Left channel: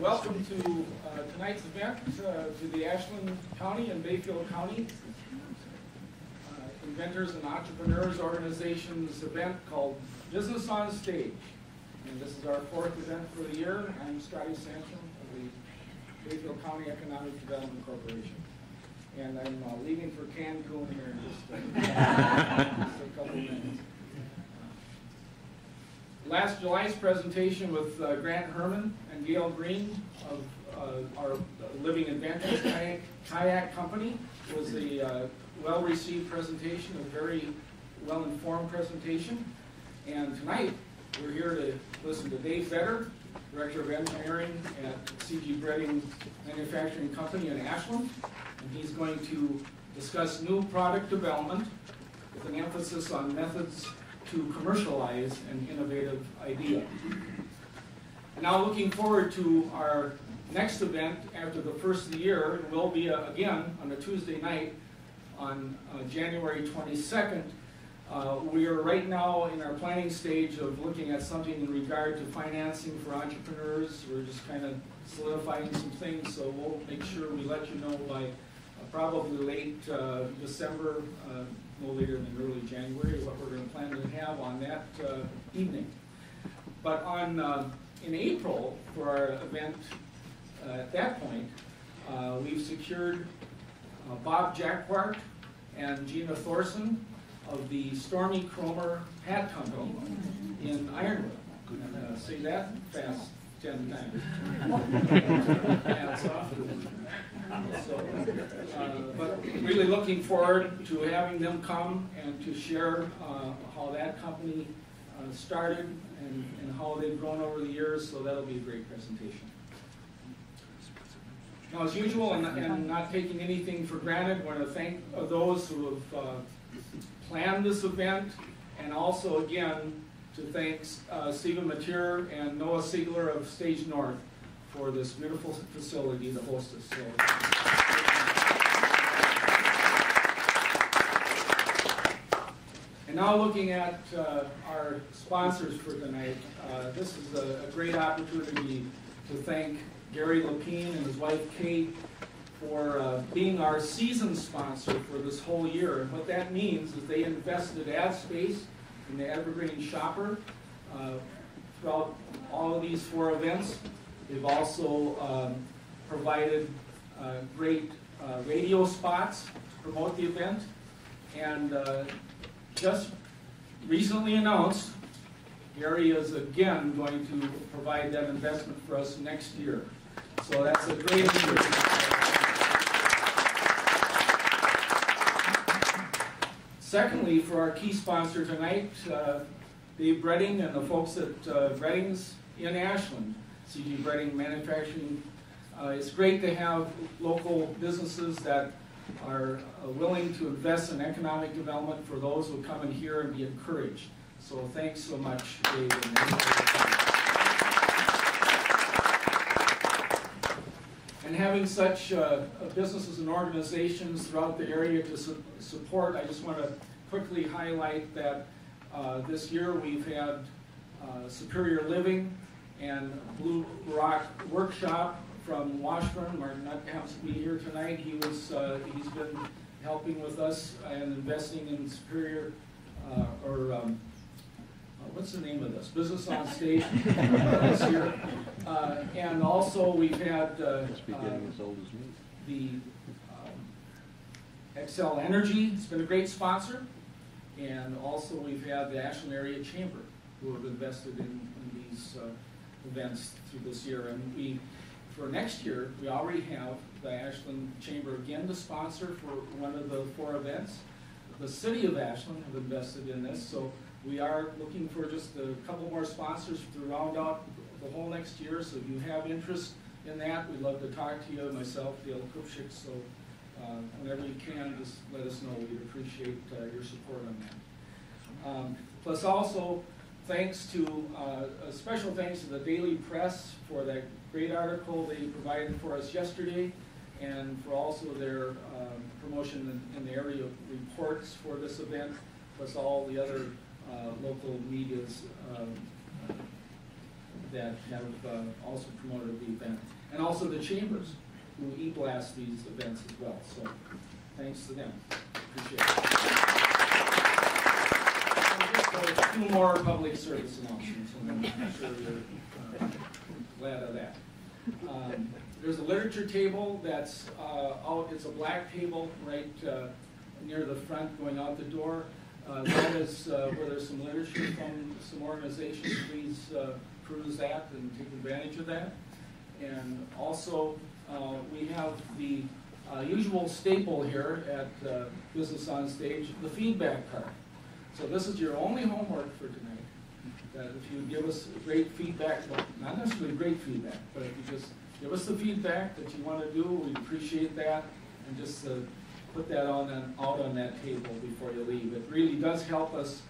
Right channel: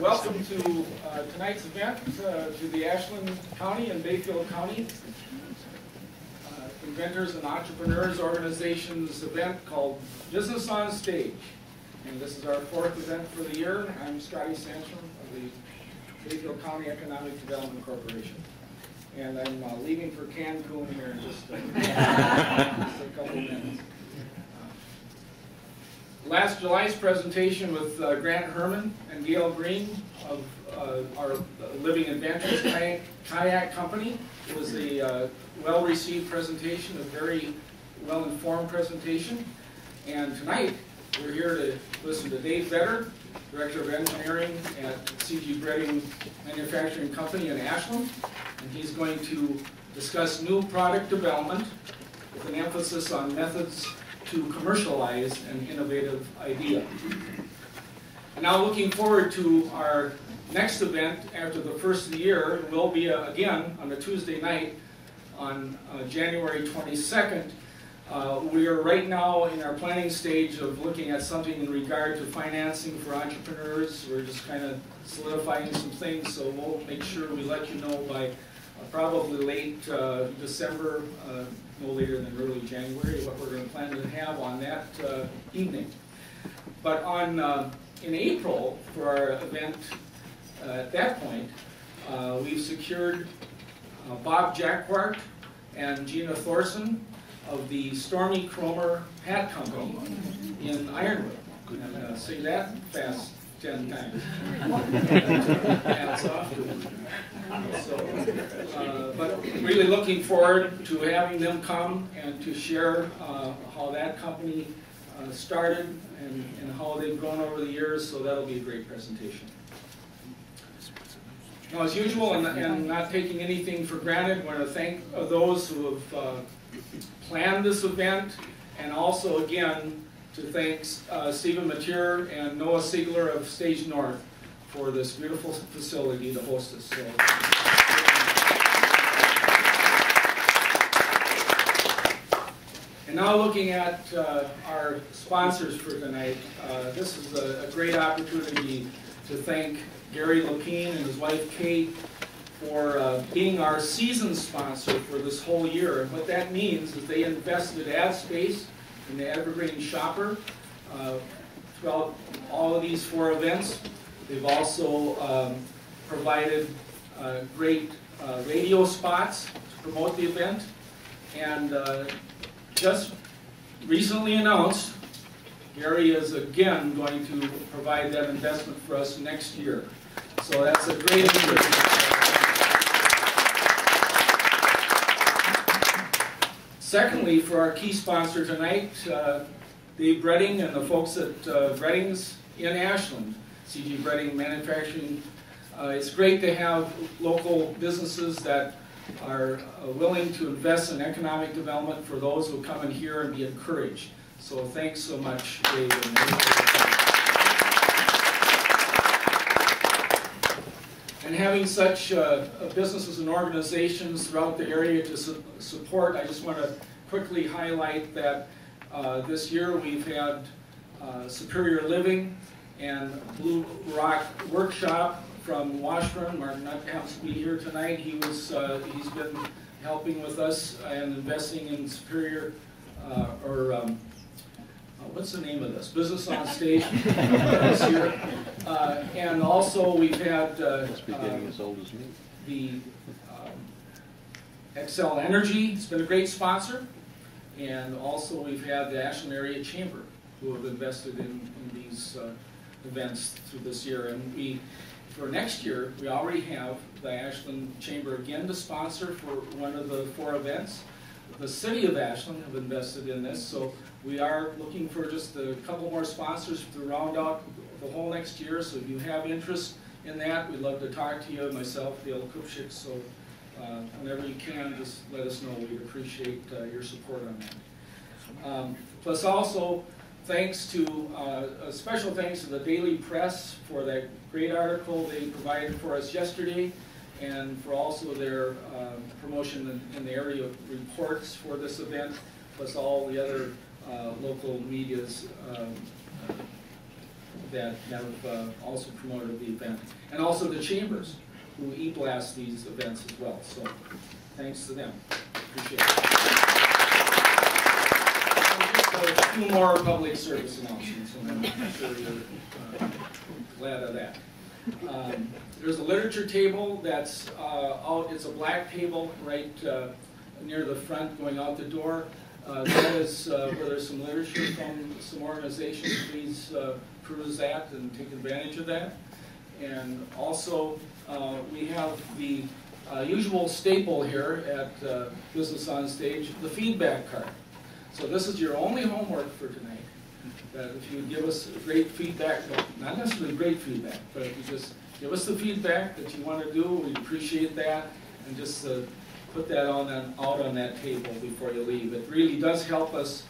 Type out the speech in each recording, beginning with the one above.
Welcome to tonight's event to the Ashland County and Bayfield County Inventors and Entrepreneurs Organization's event called Business on Stage. And this is our fourth event for the year. I'm Scotty Sandstrom of the Bayfield County Economic Development Corporation. And I'm leaving for Cancun here in just a couple minutes. Last July's presentation with Grant Herman and Gail Green of our Living Adventures Kayak Company was a well-received presentation, a very well-informed presentation. And tonight, we're here to listen to Dave Vetter, Director of Engineering at CG Breading Manufacturing Company in Ashland. And he's going to discuss new product development with an emphasis on methods to commercialize an innovative idea. And now looking forward to our next event after the first of the year will be again on a Tuesday night on January 22nd. We are right now in our planning stage of looking at something in regard to financing for entrepreneurs. We're just kind of solidifying some things, so we'll make sure we let you know by probably late December, no later than early January, what we're going to plan to have on that evening. But in April, for our event at that point, we've secured Bob Jacquart and Gina Thorson of the Stormy Cromer Hat Company in Ironwood. And say that fast 10 times. Hats off to them. But really looking forward to having them come and to share how that company started and how they've grown over the years, so that'll be a great presentation. Now, as usual, and not taking anything for granted, I want to thank those who have planned this event, and also, again, to thank Stephen Mateer and Noah Siegler of Stage North for this beautiful facility to host us. So, and now looking at our sponsors for tonight, this is a great opportunity to thank Gary Lapine and his wife Kate for being our season sponsor for this whole year. And what that means is they invested ad space in the Evergreen Shopper throughout all of these 4 events. They've also provided great radio spots to promote the event, and just recently announced, Gary is again going to provide that investment for us next year. So that's a great encouragement. Secondly, for our key sponsor tonight, Dave Breading and the folks at Breading's in Ashland, CG Breading Manufacturing. It's great to have local businesses that are willing to invest in economic development for those who come in here and be encouraged. So thanks so much, Dave. And having such businesses and organizations throughout the area to support, I just want to quickly highlight that this year we've had Superior Living and Blue Rock Workshop from Washburn. Mark not happens to be here tonight. He's been helping with us and investing in Superior, what's the name of this? Business on Stage this year. And also we've had the Excel Energy. It's been a great sponsor. And also we've had the Ashland Area Chamber who have invested in these events through this year. And for next year, we already have the Ashland Chamber again to sponsor for one of the 4 events. The City of Ashland have invested in this, so we are looking for just a couple more sponsors to round out the whole next year. So if you have interest in that, we'd love to talk to you, myself, Dale Kuchiki. So whenever you can, just let us know. We'd appreciate your support on that. Plus also, special thanks to the Daily Press for that great article they provided for us yesterday, and for also their promotion in the area of reports for this event, plus all the other local media's that have also promoted the event. And also the chambers, who e-blast these events as well. So thanks to them. Appreciate it. Just a few more public service announcements, and I'm sure you're glad of that. There's a literature table that's out. It's a black table right near the front going out the door. That is where there's some literature from some organizations. Please peruse that and take advantage of that. And also, we have the usual staple here at Business on Stage, the feedback card. So this is your only homework for tonight. That if you would give us great feedback, well, not necessarily great feedback, but if you just give us the feedback that you want to do, we'd appreciate that, and just put that out on that table before you leave. It really does help us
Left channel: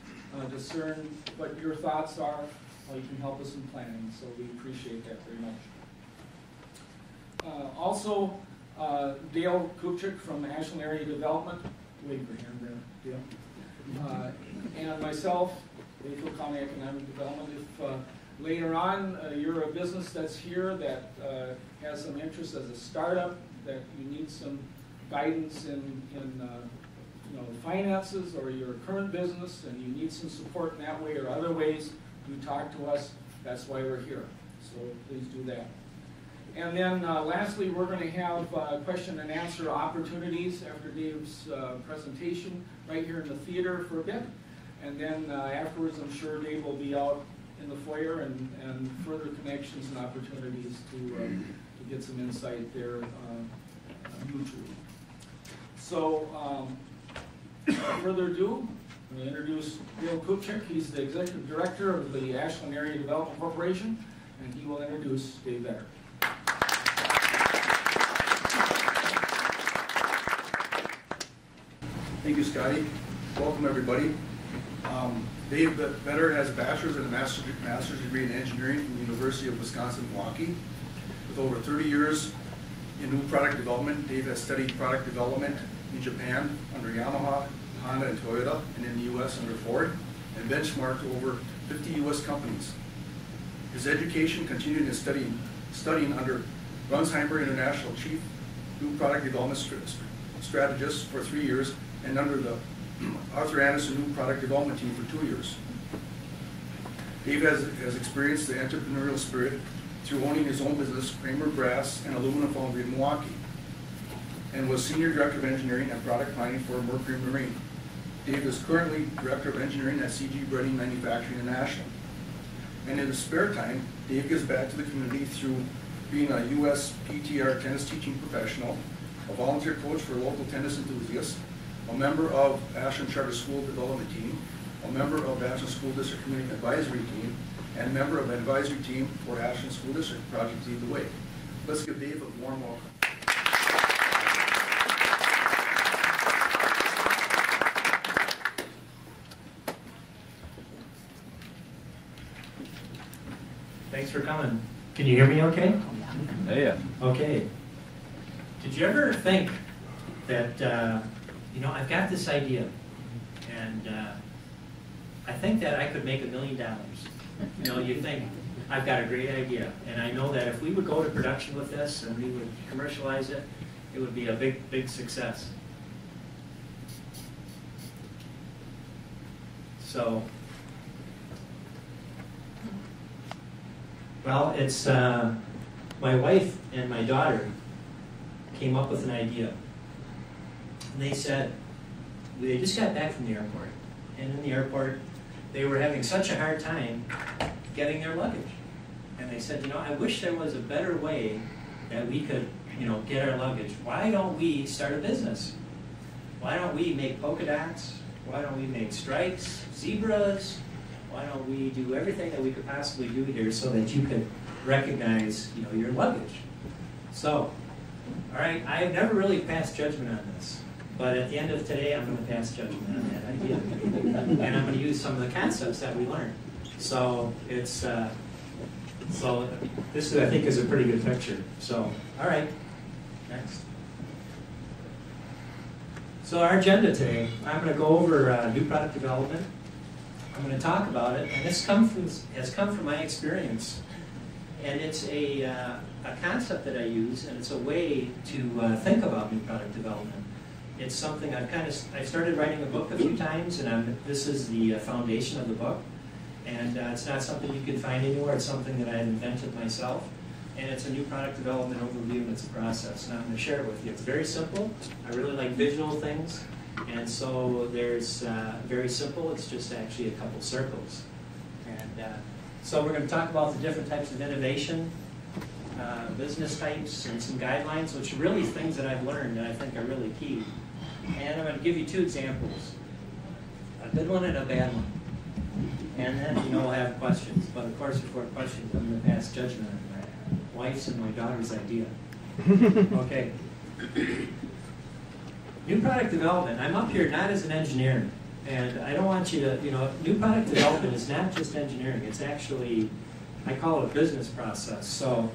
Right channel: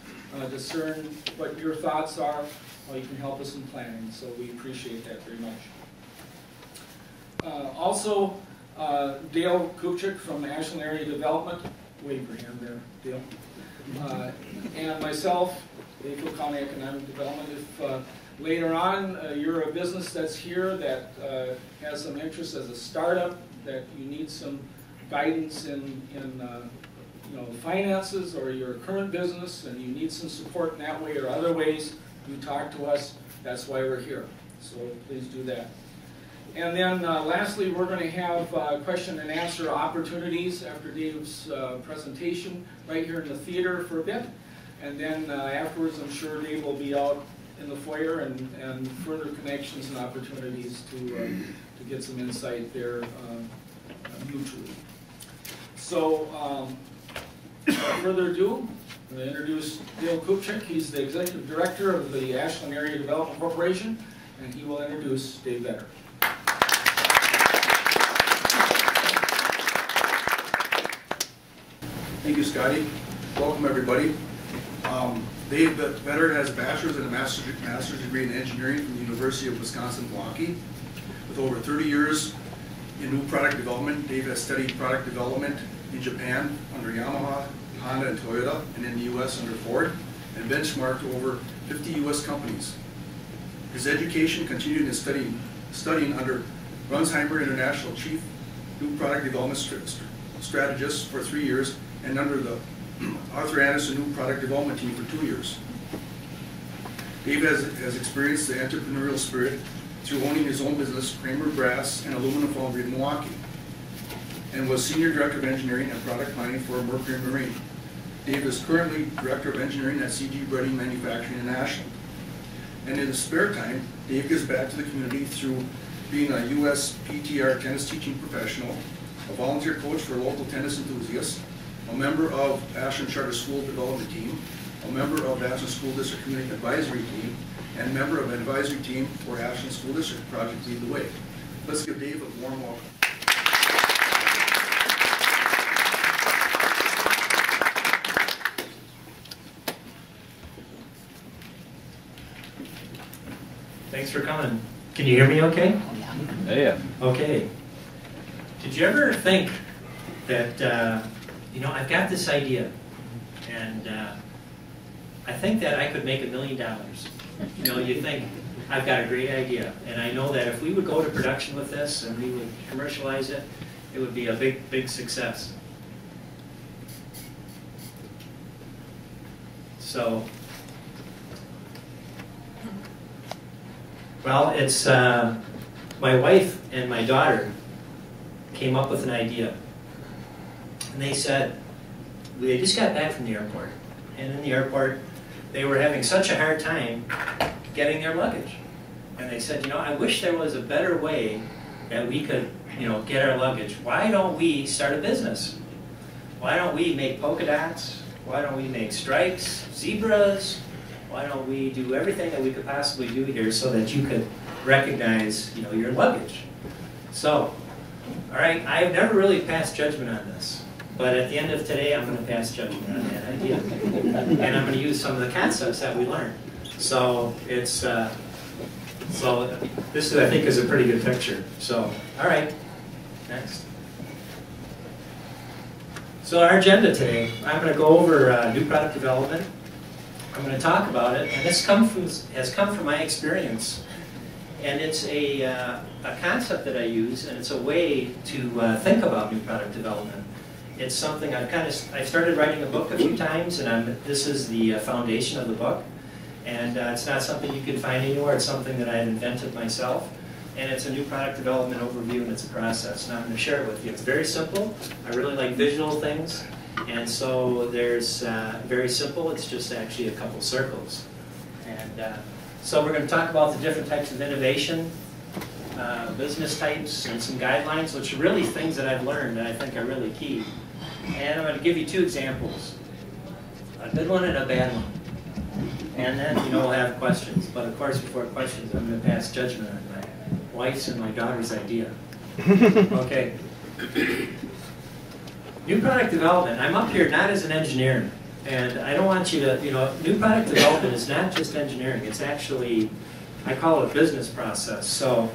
discern what your thoughts are, how you can help us in planning, so we appreciate that very much. Also, Dale Kuchiki from Ashland Area Development, wave your hand there, Dale, and myself, Bayfield County Economic Development. If later on you're a business that's here that has some interest as a startup, that you need some guidance in finances, or you're a current business and you need some support in that way or other ways, do talk to us. That's why we're here. So please do that. And then lastly, we're going to have question and answer opportunities after Dave's presentation right here in the theater for a bit. And then afterwards, I'm sure Dave will be out in the foyer and further connections and opportunities to get some insight there mutually. So without further ado, I'm going to introduce Dale Kuchiki. He's the Executive Director of the Ashland Area Development Corporation, and he will introduce Dave Vetter. Thank you, Scotty. Welcome, everybody. Dave Vetter has a bachelor's and a master's degree in engineering from the University of Wisconsin-Milwaukee. With over 30 years in new product development, Dave has studied product development in Japan under Yamaha, Honda, and Toyota, and in the U.S. under Ford, and benchmarked over 50 U.S. companies. His education continued in studying under Runsheimer International Chief New Product Development Strategist for 3 years, and under the Arthur Anderson New Product Development Team for 2 years. Dave has experienced the entrepreneurial spirit through owning his own business, Kramer Brass and Aluminum Foundry in Milwaukee, and was Senior Director of Engineering and Product Planning for Mercury Marine. Dave is currently Director of Engineering at CG Breading Manufacturing in Ashland. And in his spare time, Dave gives back to the community through being a U.S. PTR tennis teaching professional, a volunteer coach for local tennis enthusiasts, a member of Ashland Charter School Development Team, a member of Ashland School District Community Advisory Team, and member of an advisory team for Ashland School District Project Lead the Way. Let's give Dave a warm welcome. Thanks for coming. Can you hear me okay? Yeah. Okay. Did you ever think that, I've got this idea, and I think that I could make $1 million. You think, I've got a great idea, and I know that if we would go to production with this and we would commercialize it, it would be a big, big success. So, well, it's my wife and my daughter came up with an idea. And they said, they just got back from the airport. And in the airport, they were having such a hard time getting their luggage. And they said, I wish there was a better way that we could, get our luggage. Why don't we start a business? Why don't we make polka dots? Why don't we make stripes, zebras? Why don't we do everything that we could possibly do here so that you could recognize, your luggage? So, all right, I've never really passed judgment on this, but at the end of today, I'm going to pass judgment on that idea, and I'm going to use some of the concepts that we learned. So it's, so this I think is a pretty good picture. So, all right, next. So our agenda today, I'm going to go over new product development. I'm going to talk about it, and this has come from my experience And it's a concept that I use, and it's a way to think about new product development. It's something I've started writing a book a few times, and this is the foundation of the book. And it's not something you can find anywhere. It's something that I've invented myself. And it's a new product development overview, and it's a process. And I'm going to share it with you. It's very simple. I really like visual things. And so there's very simple. It's just actually a couple circles. And so we're going to talk about the different types of innovation, business types, and some guidelines, which are really things that I've learned that I think are really key. And I'm going to give you two examples, a good one and a bad one. And then, we'll have questions. But of course, before questions, I'm going to pass judgment on my wife's and my daughter's idea. Okay. New product development. I'm up here not as an engineer. And I don't want you to, new product development is not just engineering. It's actually, I call it a business process. So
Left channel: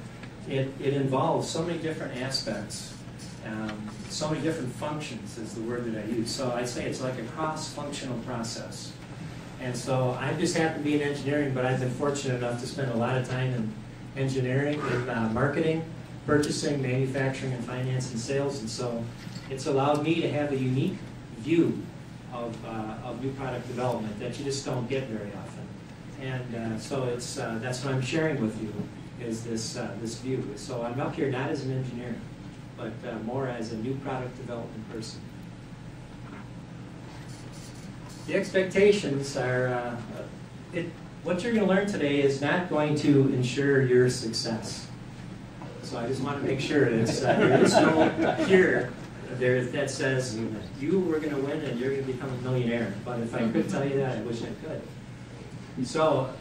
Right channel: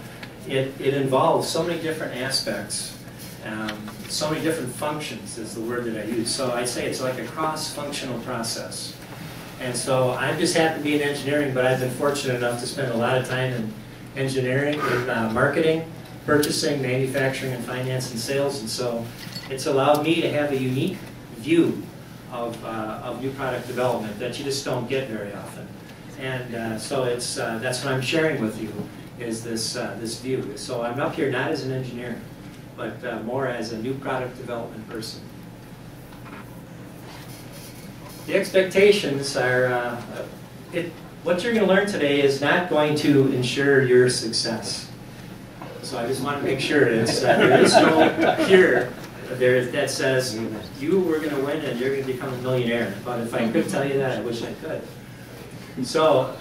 it involves so many different aspects. So many different functions is the word that I use. So I say it's like a cross-functional process. And so I just happen to be in engineering, but I've been fortunate enough to spend a lot of time in engineering, in marketing, purchasing, manufacturing, and finance and sales. And so it's allowed me to have a unique view of new product development that you just don't get very often. And so that's what I'm sharing with you, is this view. So I'm up here not as an engineer, but more as a new product development person. The expectations are, what you're going to learn today is not going to ensure your success. So I just want to make sure there is no here that says you were going to win and you're going to become a millionaire. But if I could tell you that, I wish I could. So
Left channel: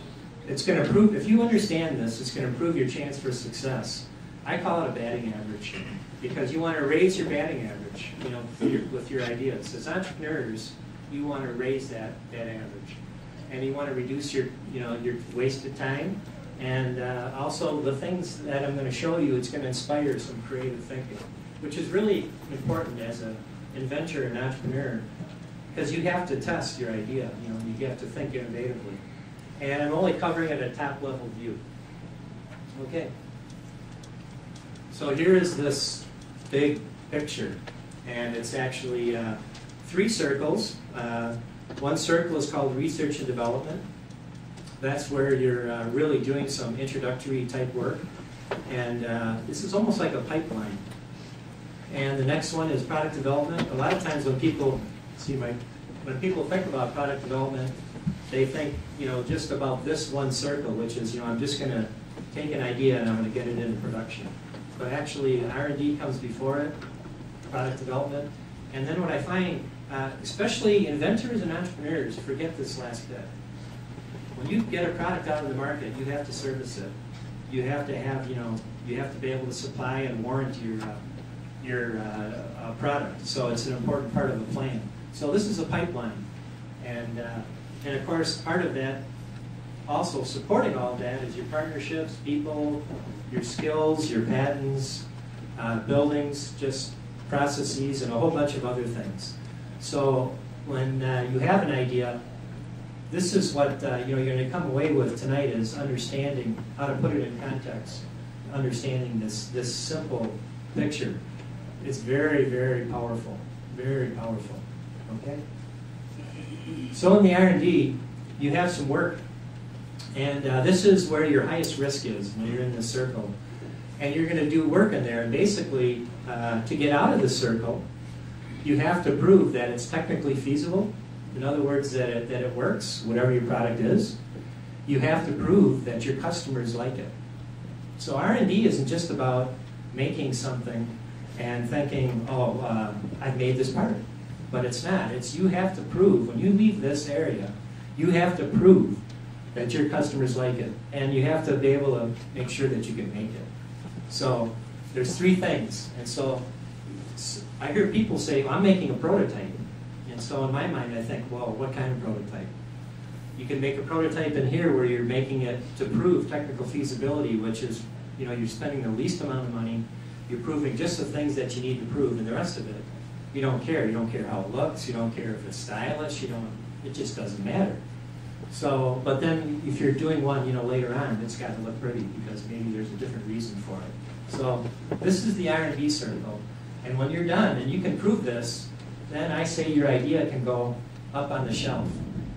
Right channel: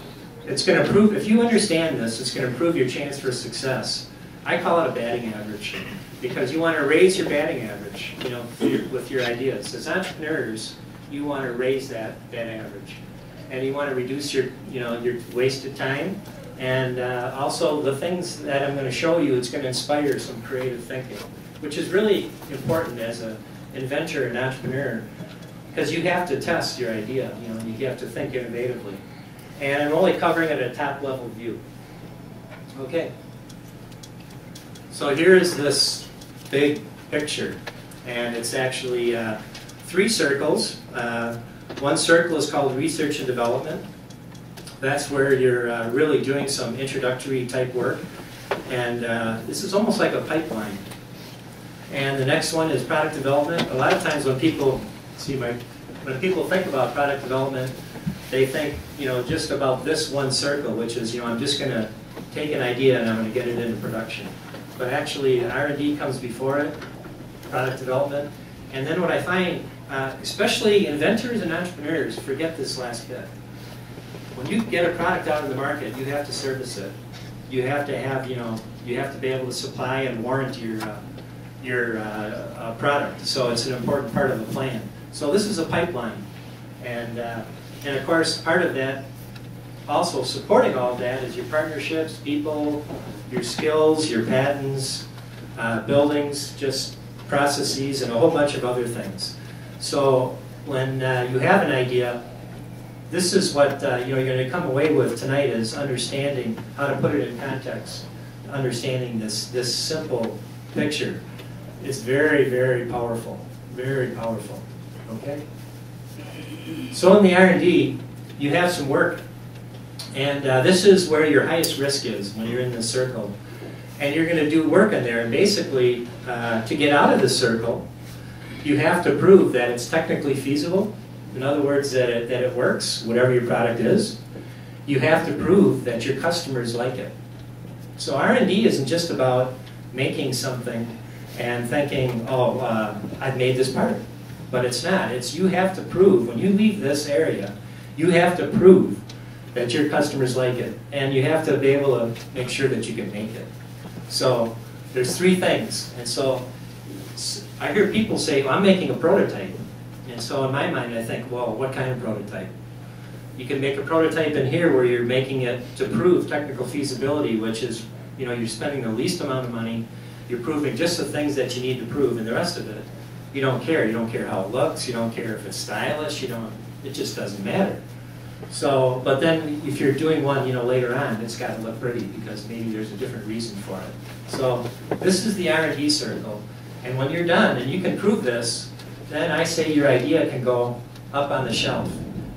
it's going to prove, if you understand this, it's going to improve your chance for success. I call it a batting average, because you want to raise your batting average, with your ideas. As entrepreneurs, you want to raise that average, and you want to reduce your wasted time, and also the things that I'm going to show you. It's going to inspire some creative thinking, which is really important as an inventor and entrepreneur, because you have to test your idea. You have to think innovatively, and I'm only covering it at a top level view. Okay. So here is this big picture, and it's actually 3 circles. One circle is called research and development. That's where you're really doing some introductory type work, and this is almost like a pipeline. And the next one is product development. A lot of times when people think about product development, they think just about this one circle, which is I'm just going to take an idea and I'm going to get it into production. But actually, R&D comes before it, product development. And then what I find, especially inventors and entrepreneurs, forget this last bit. When you get a product out in the market, you have to service it. You have to have, you have to be able to supply and warrant your product. So it's an important part of the plan. So this is a pipeline. And of course, part of that, also supporting all of that, is your partnerships, people, your skills, your patents, buildings, just processes, and a whole bunch of other things. So when you have an idea, this is what you're going to come away with tonight, is understanding how to put it in context, understanding this simple picture. It's very, very powerful, very powerful. Okay. So in the R&D, you have some work. And this is where your highest risk is when you're in this circle. And you're going to do work in there. And basically, to get out of this circle, you have to prove that it's technically feasible. In other words, that it works, whatever your product is. You have to prove that your customers like it. So R&D isn't just about making something and thinking, oh, I've made this part. But it's not. It's you have to prove, when you leave this area, you have to prove that your customers like it, and you have to be able to make sure that you can make it. So there's 3 things, and so I hear people say, well, I'm making a prototype, and so in my mind I think, well, what kind of prototype? You can make a prototype in here where you're making it to prove technical feasibility, which is, you're spending the least amount of money, you're proving just the things that you need to prove, and the rest of it, you don't care. You don't care how it looks, you don't care if it's stylish, it just doesn't matter. So, but then if you're doing one, later on, it's got to look pretty because maybe there's a different reason for it. So this is the R&D circle. And when you're done, and you can prove this, then I say your idea can go up on the shelf.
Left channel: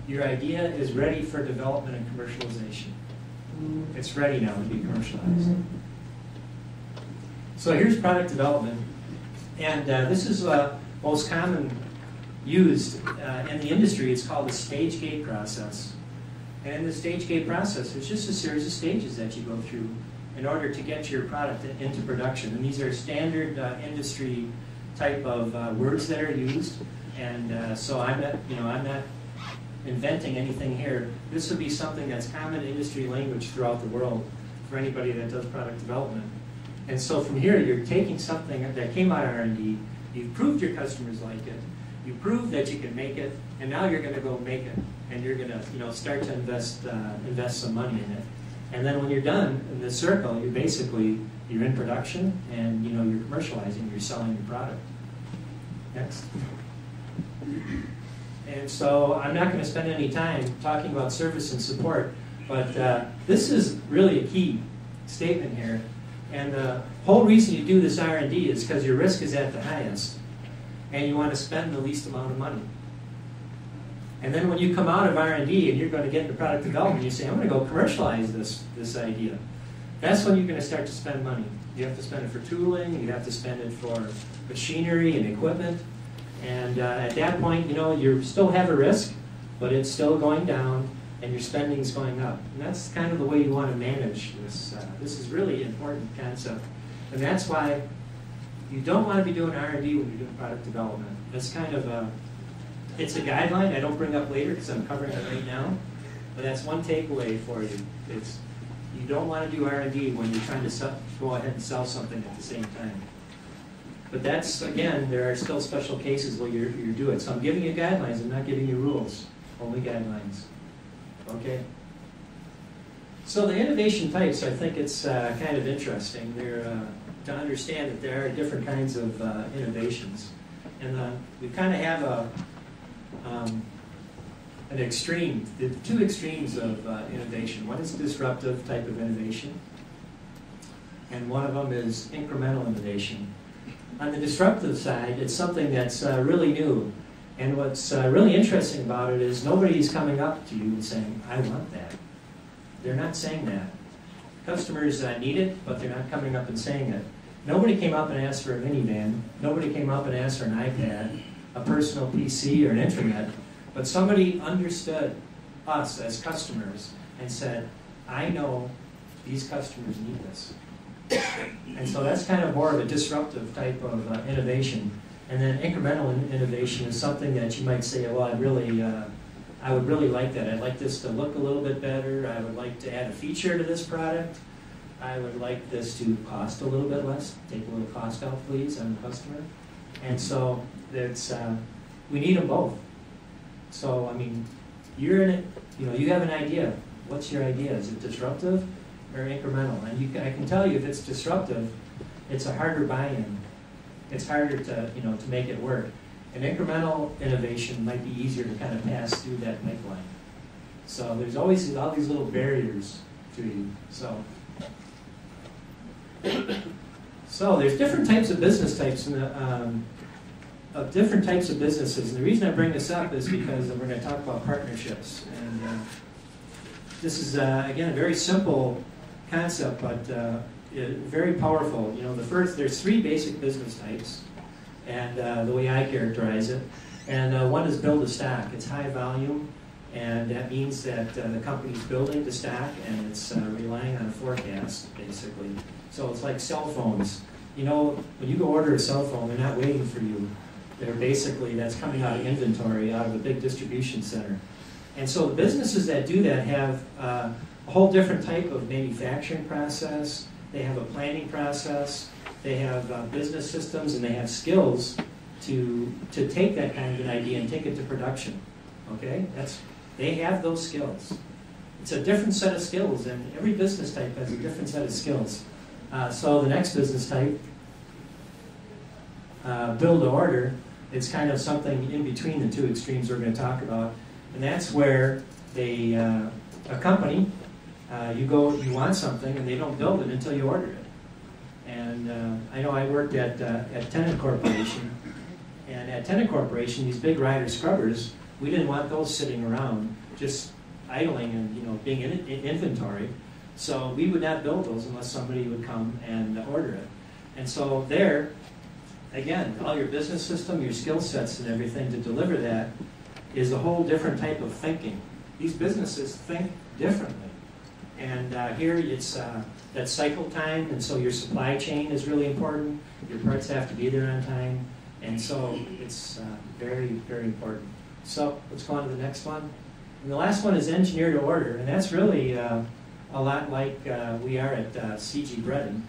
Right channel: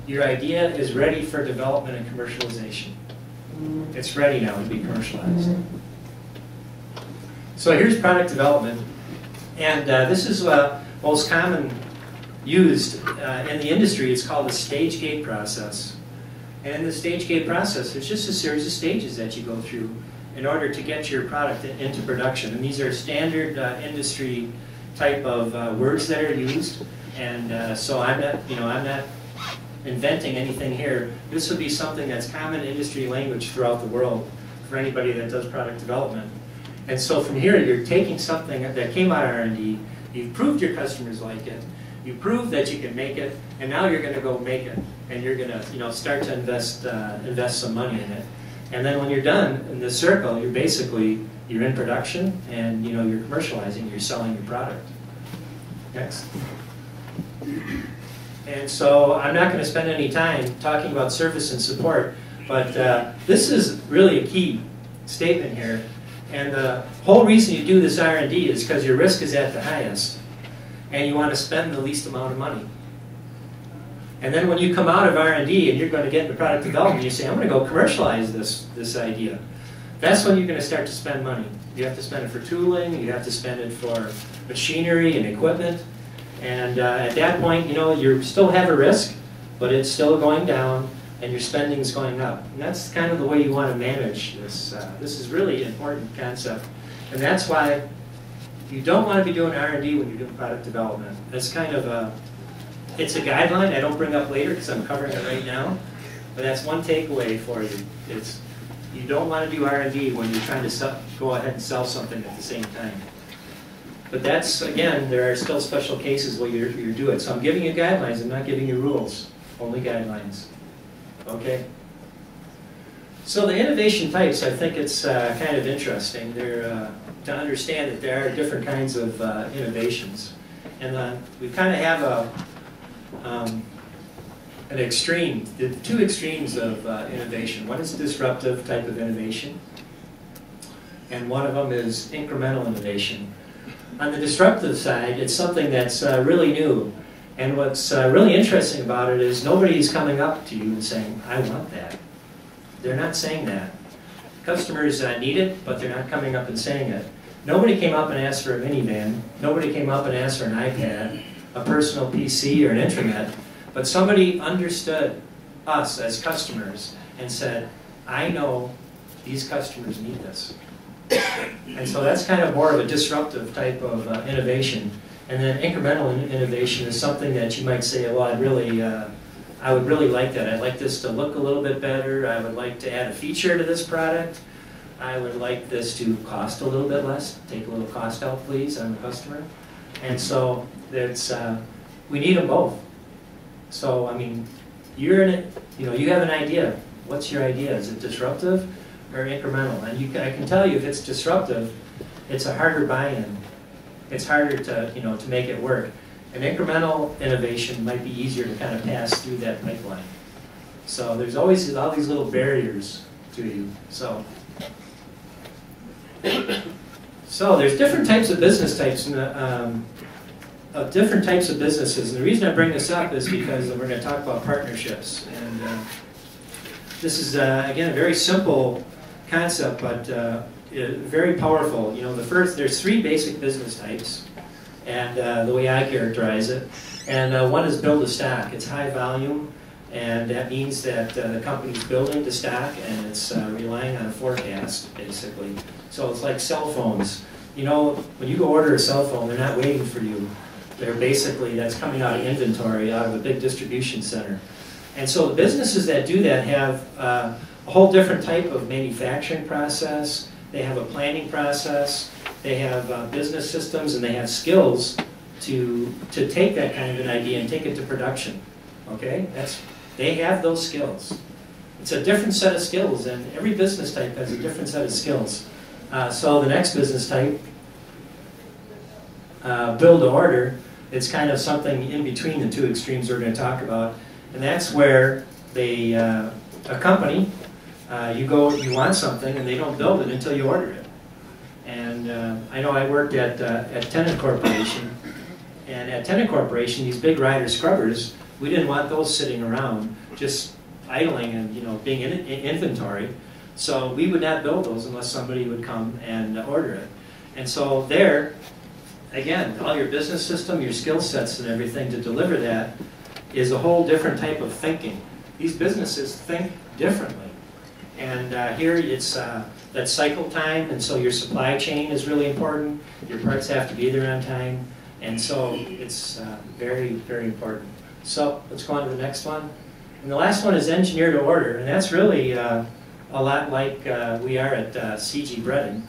Your idea is ready for development and commercialization. It's ready now to be commercialized. So here's product development. And this is most common used in the industry. It's called the stage gate process. And the stage gate process is just a series of stages that you go through in order to get your product into production. And these are standard industry type of words that are used. And so I'm not inventing anything here. This would be something that's common industry language throughout the world for anybody that does product development. And so from here, you're taking something that came out of R&D, you've proved your customers like it, you proved that you can make it, and now you're going to go make it, and you're going to start to invest some money in it. And then when you're done in this circle, you're in production, and you're commercializing, you're selling your product. Next. And so I'm not going to spend any time talking about service and support, but this is really a key statement here. And the whole reason you do this R&D is because your risk is at the highest, and you want to spend the least amount of money. And then when you come out of R&D and you're going to get into product development, you say, I'm going to go commercialize this idea. That's when you're going to start to spend money. You have to spend it for tooling, you have to spend it for machinery and equipment. And at that point, you still have a risk, but it's still going down, and your spending's going up. And that's kind of the way you want to manage this. This is really an important concept. And that's why you don't want to be doing R&D when you're doing product development. That's kind of it's a guideline I don't bring up later because I'm covering it right now. But that's one takeaway for you. You don't want to do R&D when you're trying to go ahead and sell something at the same time. But that's, again, there are still special cases where you do it. So I'm giving you guidelines, I'm not giving you rules, only guidelines. Okay? So the innovation types, I think it's kind of interesting. To understand that there are different kinds of innovations. And we kind of have an extreme, the two extremes of innovation. One is disruptive type of innovation, and one of them is incremental innovation. On the disruptive side, it's something that's really new. And what's really interesting about it is nobody's coming up to you and saying, I want that. They're not saying that. Customers need it, but they're not coming up and saying it. Nobody came up and asked for a minivan. Nobody came up and asked for an iPad, a personal PC, or an intranet. But somebody understood us as customers and said, I know these customers need this. And so that's kind of more of a disruptive type of innovation. And then incremental innovation is something that you might say, well, I would really like that. I'd like this to look a little bit better. I would like to add a feature to this product. I would like this to cost a little bit less. Take a little cost out, please. I'm a customer. And so we need them both. So, I mean, you're in it, you have an idea. What's your idea? Is it disruptive or incremental? And I can tell you if it's disruptive, it's a harder buy-in. It's harder to make it work. An incremental innovation might be easier to kind of pass through that pipeline. So there's always all these little barriers to you. So there's different types of business types of different types of businesses. And the reason I bring this up is because we're going to talk about partnerships. And this is, again, a very simple concept, but very powerful. There's three basic business types, and the way I characterize it. And one is build to stock. It's high volume, and that means that the company's building to stock, and it's relying on a forecast, basically. So it's like cell phones. When you go order a cell phone, they're not waiting for you. They're basically, that's coming out of inventory, out of a big distribution center. And so the businesses that do that have a whole different type of manufacturing process. They have a planning process. They have business systems, and they have skills to take that kind of an idea and take it to production. Okay? They have those skills. It's a different set of skills, and every business type has a different set of skills. So the next business type, build to order, it's kind of something in between the two extremes we're going to talk about. And that's where a company, you want something and they don't build it until you order it. And I know I worked at Tennant Corporation, and at Tennant Corporation, these big rider scrubbers, we didn't want those sitting around just idling and being in inventory. So we would not build those unless somebody would come and order it. And so there, again, all your business system, your skill sets and everything to deliver that is a whole different type of thinking. These businesses think differently. And here it's that cycle time, and so your supply chain is really important. Your parts have to be there on time. And so it's very, very important. So let's go on to the next one. And the last one is engineer to order, and that's really a lot like we are at CG Breading.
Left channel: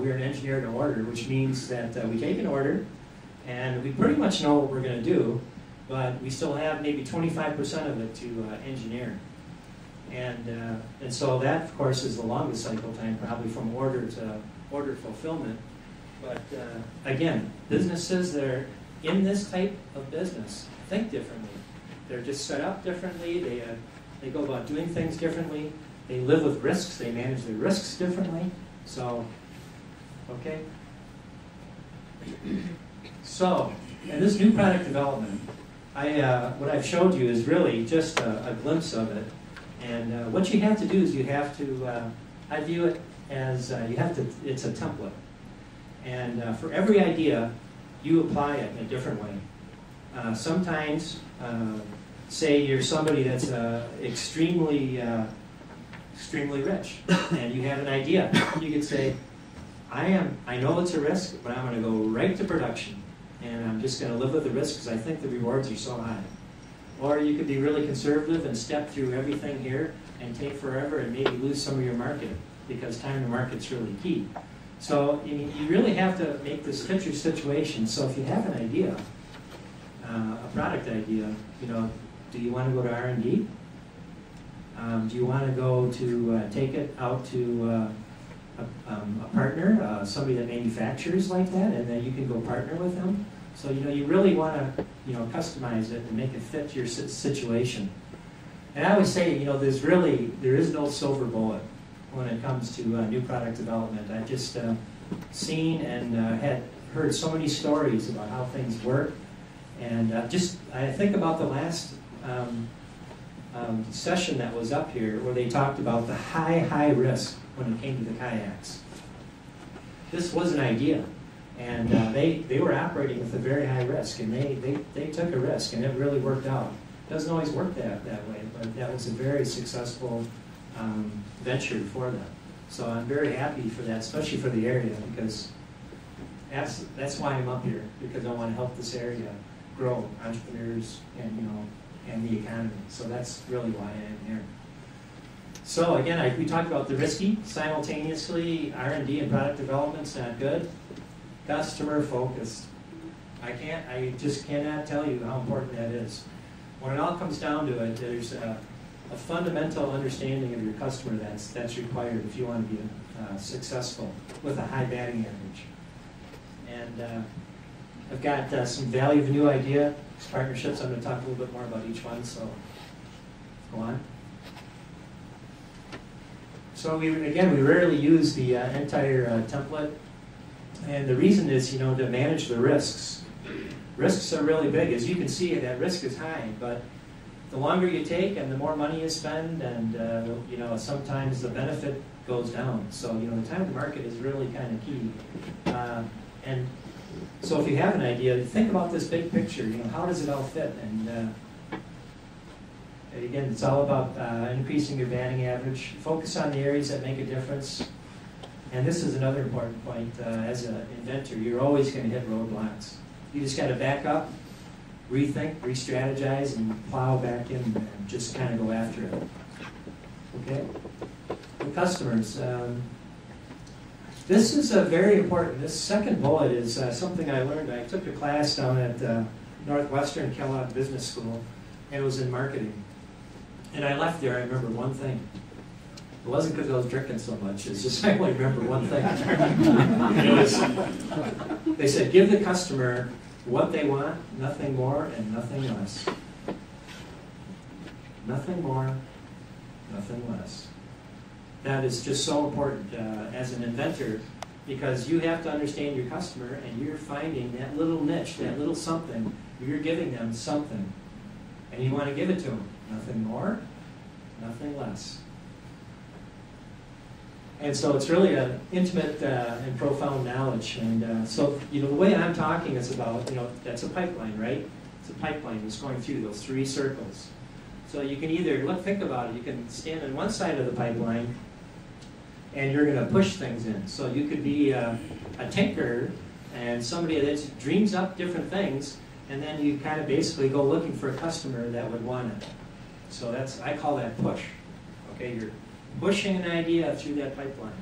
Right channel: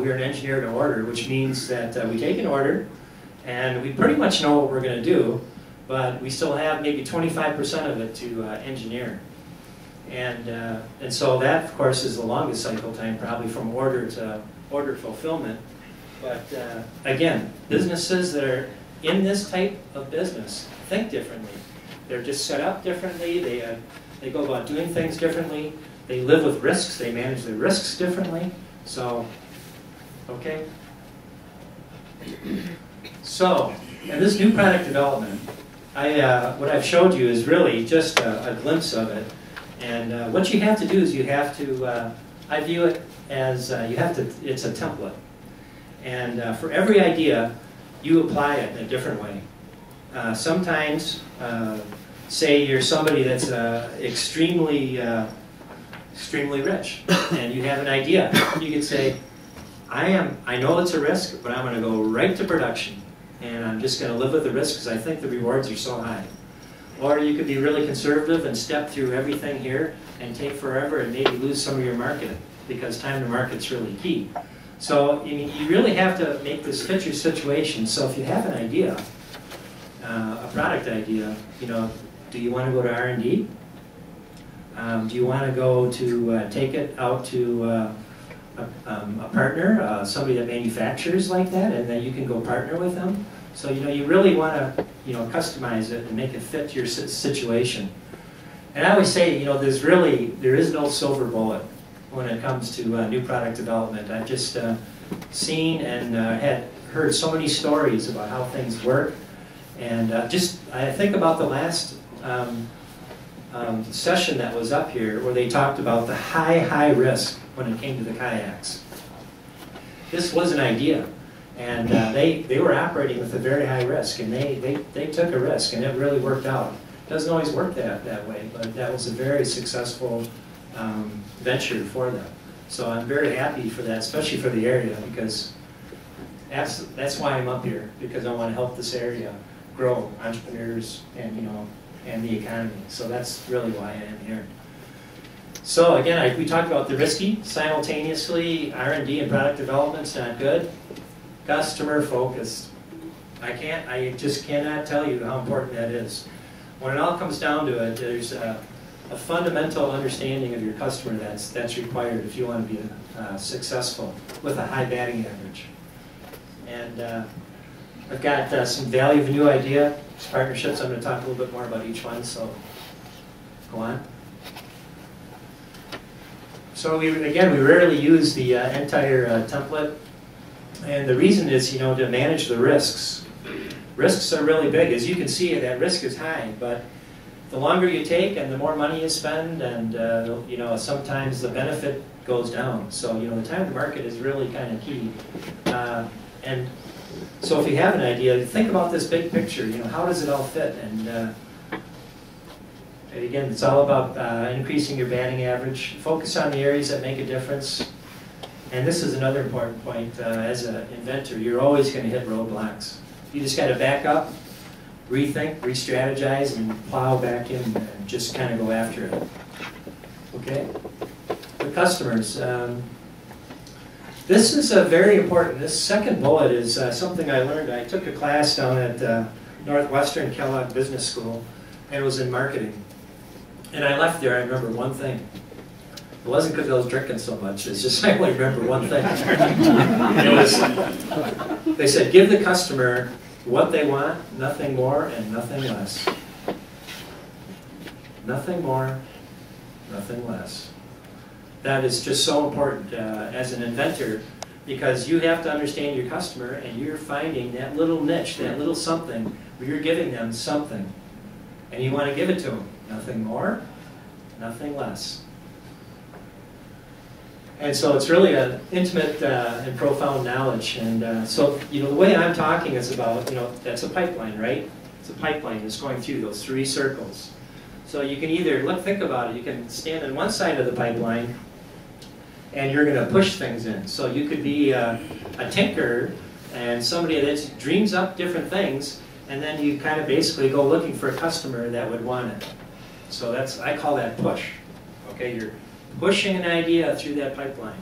We are an engineer to order, which means that we take an order, and we pretty much know what we're going to do, but we still have maybe 25% of it to engineer. And so that, of course, is the longest cycle time, probably from order to order fulfillment. But again, businesses that are in this type of business think differently. They're just set up differently. They go about doing things differently. They live with risks. They manage their risks differently. So, okay. So, and this new product development, what I've showed you is really just a glimpse of it. And what you have to do is you have to, I view it as it's a template. And for every idea, you apply it in a different way. Sometimes, say you're somebody that's extremely rich, and you have an idea. You could say, I know it's a risk, but I'm going to go right to production, and I'm just going to live with the risk because I think the rewards are so high. Or you could be really conservative and step through everything here and take forever and maybe lose some of your market because time to market's really key. So you really have to make this fit your situation. So if you have an idea, a product idea, do you want to go to R&D? Do you want to go to take it out to a partner, somebody that manufactures like that, and then you can go partner with them? So you really want to customize it and make it fit your situation. And I always say there is no silver bullet when it comes to new product development. I've just seen and had heard so many stories about how things work, and I think about the last session that was up here where they talked about the high risk when it came to the kayaks. This was an idea. And they were operating with a very high risk, and they took a risk, and it really worked out. It doesn't always work that way, but that was a very successful venture for them. So I'm very happy for that, especially for the area, because that's why I'm up here, because I want to help this area grow entrepreneurs and the economy. So that's really why I am here. So again, we talked about the risky simultaneously. R&D and product development's not good. Customer focused. I just cannot tell you how important that is. When it all comes down to it, there's a fundamental understanding of your customer that's required if you want to be successful with a high batting average. And I've got some value of a new idea, partnerships. I'm going to talk a little bit more about each one, so go on. So we rarely use the entire template. And the reason is, to manage the risks. Risks are really big. As you can see, that risk is high, but the longer you take and the more money you spend, and sometimes the benefit goes down. So the time to market is really kind of key. And so if you have an idea, think about this big picture. How does it all fit? And again, it's all about increasing your batting average. Focus on the areas that make a difference. And this is another important point. As an inventor, you're always going to hit roadblocks. You just got to back up, rethink, re-strategize, and plow back in and just kind of go after it. Okay? The customers. This is very important. This second bullet is something I learned. I took a class down at Northwestern Kellogg Business School, and it was in marketing. And I left there, I remember one thing. It wasn't because I was drinking so much. It's just I only remember one thing. They said, give the customer what they want, nothing more and nothing less. Nothing more, nothing less. That is just so important as an inventor, because you have to understand your customer, and you're finding that little niche, that little something, where you're giving them something, and you want to give it to them. Nothing more, nothing less. And so it's really an intimate and profound knowledge. And so, the way I'm talking is about, that's a pipeline, right? It's a pipeline that's going through those 3 circles. So you can either, think about it, you can stand on one side of the pipeline, and you're going to push things in. So you could be a tinker and somebody that dreams up different things, and then you kind of basically go looking for a customer that would want it. So I call that push. Okay, you're pushing an idea through that pipeline.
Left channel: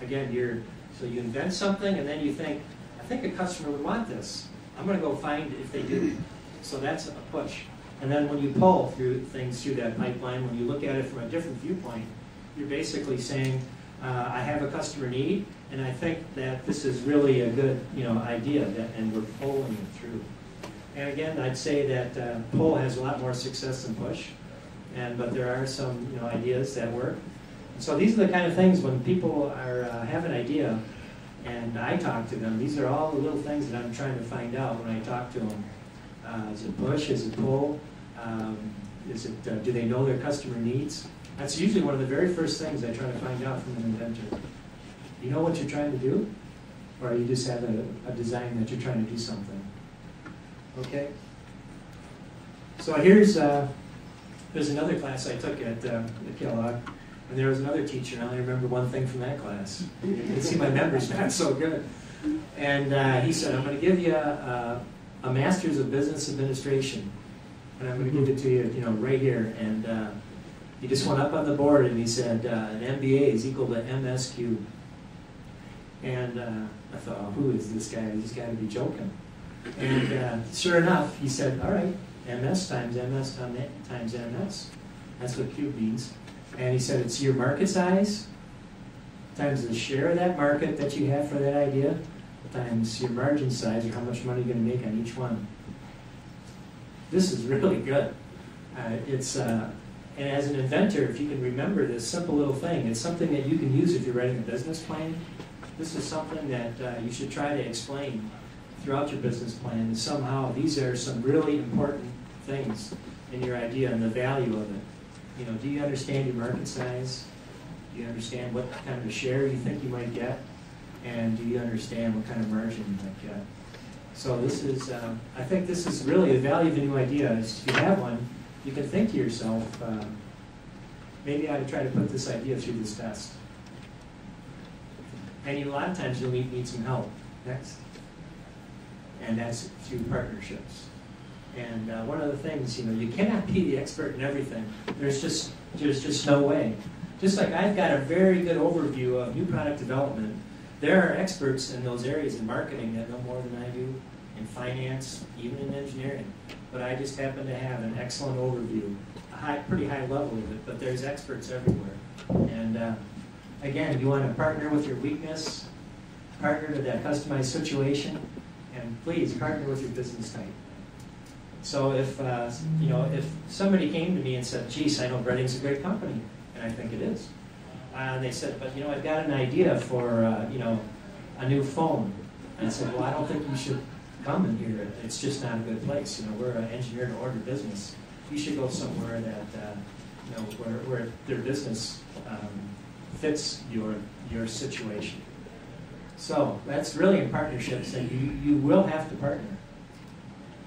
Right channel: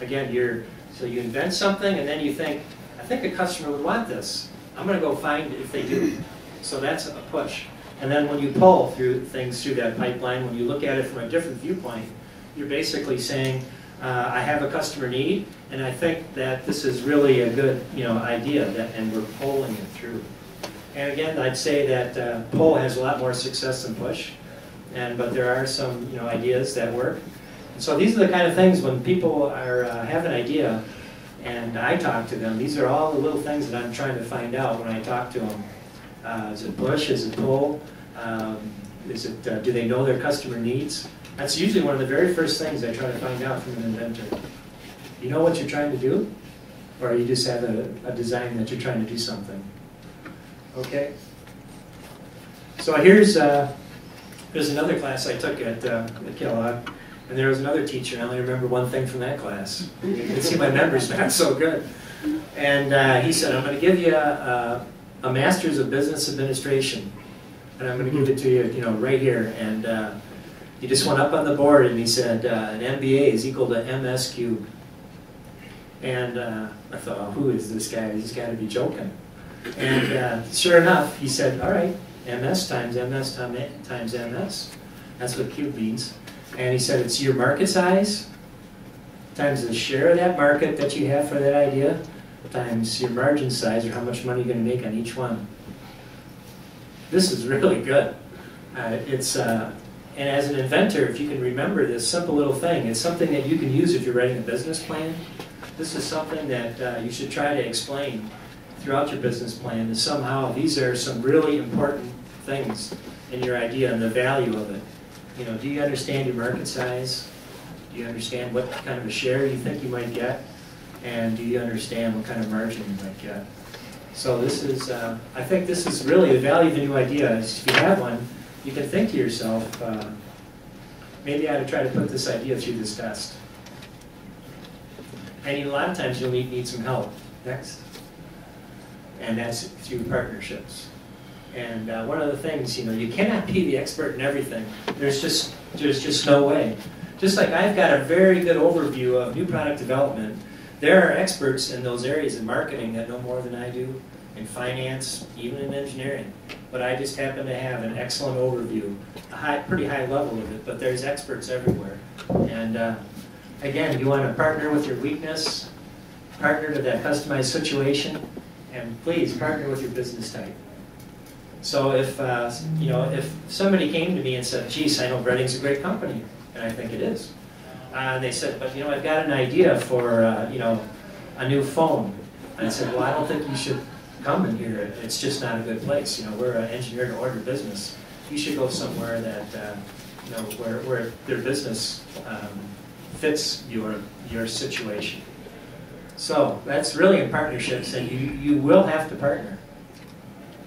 Again, so you invent something, and then you think, I think a customer would want this. I'm going to go find if they do. So that's a push. And then when you pull through things through that pipeline, when you look at it from a different viewpoint, you're basically saying, I have a customer need, and I think that this is really a good idea, and we're pulling it through. And again, I'd say that pull has a lot more success than push, but there are some ideas that work. And so these are the kind of things when people have an idea, and I talk to them. These are all the little things that I'm trying to find out when I talk to them. Is it push? Is it pull? Do they know their customer needs? That's usually one of the very first things I try to find out from an inventor. You know what you're trying to do? Or you just have a design that you're trying to do something? Okay? So here's another class I took at Kellogg, and there was another teacher. I only remember one thing from that class. You can see my memory's not so good. And he said, I'm going to give you a Master's of Business Administration, and I'm going to give it to you, right here. And he just went up on the board and he said, an MBA is equal to MS cubed. And I thought, oh, who is this guy? He's got to be joking. And sure enough, he said, all right, MS times MS times MS. That's what cube means. And he said, it's your market size times the share of that market that you have for that idea times your margin size, or how much money you're going to make on each one. This is really good. And as an inventor, if you can remember this simple little thing, it's something that you can use if you're writing a business plan. This is something that you should try to explain throughout your business plan, is somehow these are some really important things in your idea and the value of it. Do you understand your market size? Do you understand what kind of a share you think you might get? And do you understand what kind of margin you might get? So this is, I think this is really the value of the new idea, is if you have one, you can think to yourself, maybe I ought to try to put this idea through this test. And a lot of times you'll need some help. Next. And that's through partnerships. And one of the things, you cannot be the expert in everything. There's just no way. Just like I've got a very good overview of new product development, there are experts in those areas in marketing that know more than I do, in finance, even in engineering. But I just happen to have an excellent overview, pretty high level of it, but there's experts everywhere. And again, you want to partner with your weakness, partner to that customized situation, and please partner with your business type. So if somebody came to me and said, geez, I know Breading's a great company, and I think it is. And they said, but I've got an idea for a new phone. And I said, well, I don't think you should come in here. It's just not a good place. We're an engineer-to-order business. You should go somewhere that where their business fits your situation. So that's really in partnerships, and you will have to partner.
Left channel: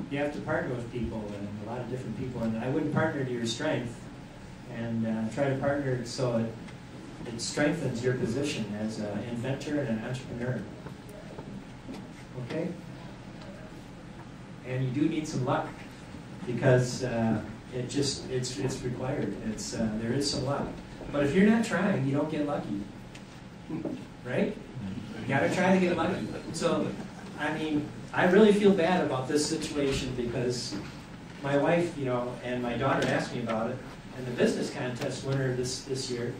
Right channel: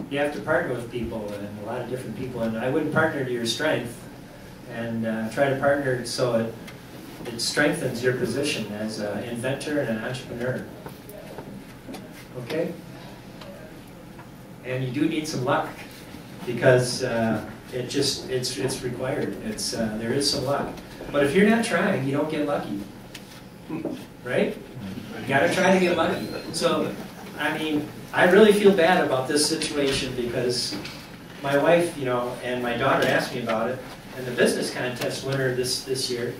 You have to partner with people, and a lot of different people. And I wouldn't partner to your strength, and try to partner so it strengthens your position as an inventor and an entrepreneur. Okay? And you do need some luck, because it's required. There is some luck. But if you're not trying, you don't get lucky. Right? You gotta try to get lucky. So, I really feel bad about this situation, because my wife, and my daughter asked me about it, and the business contest winner this year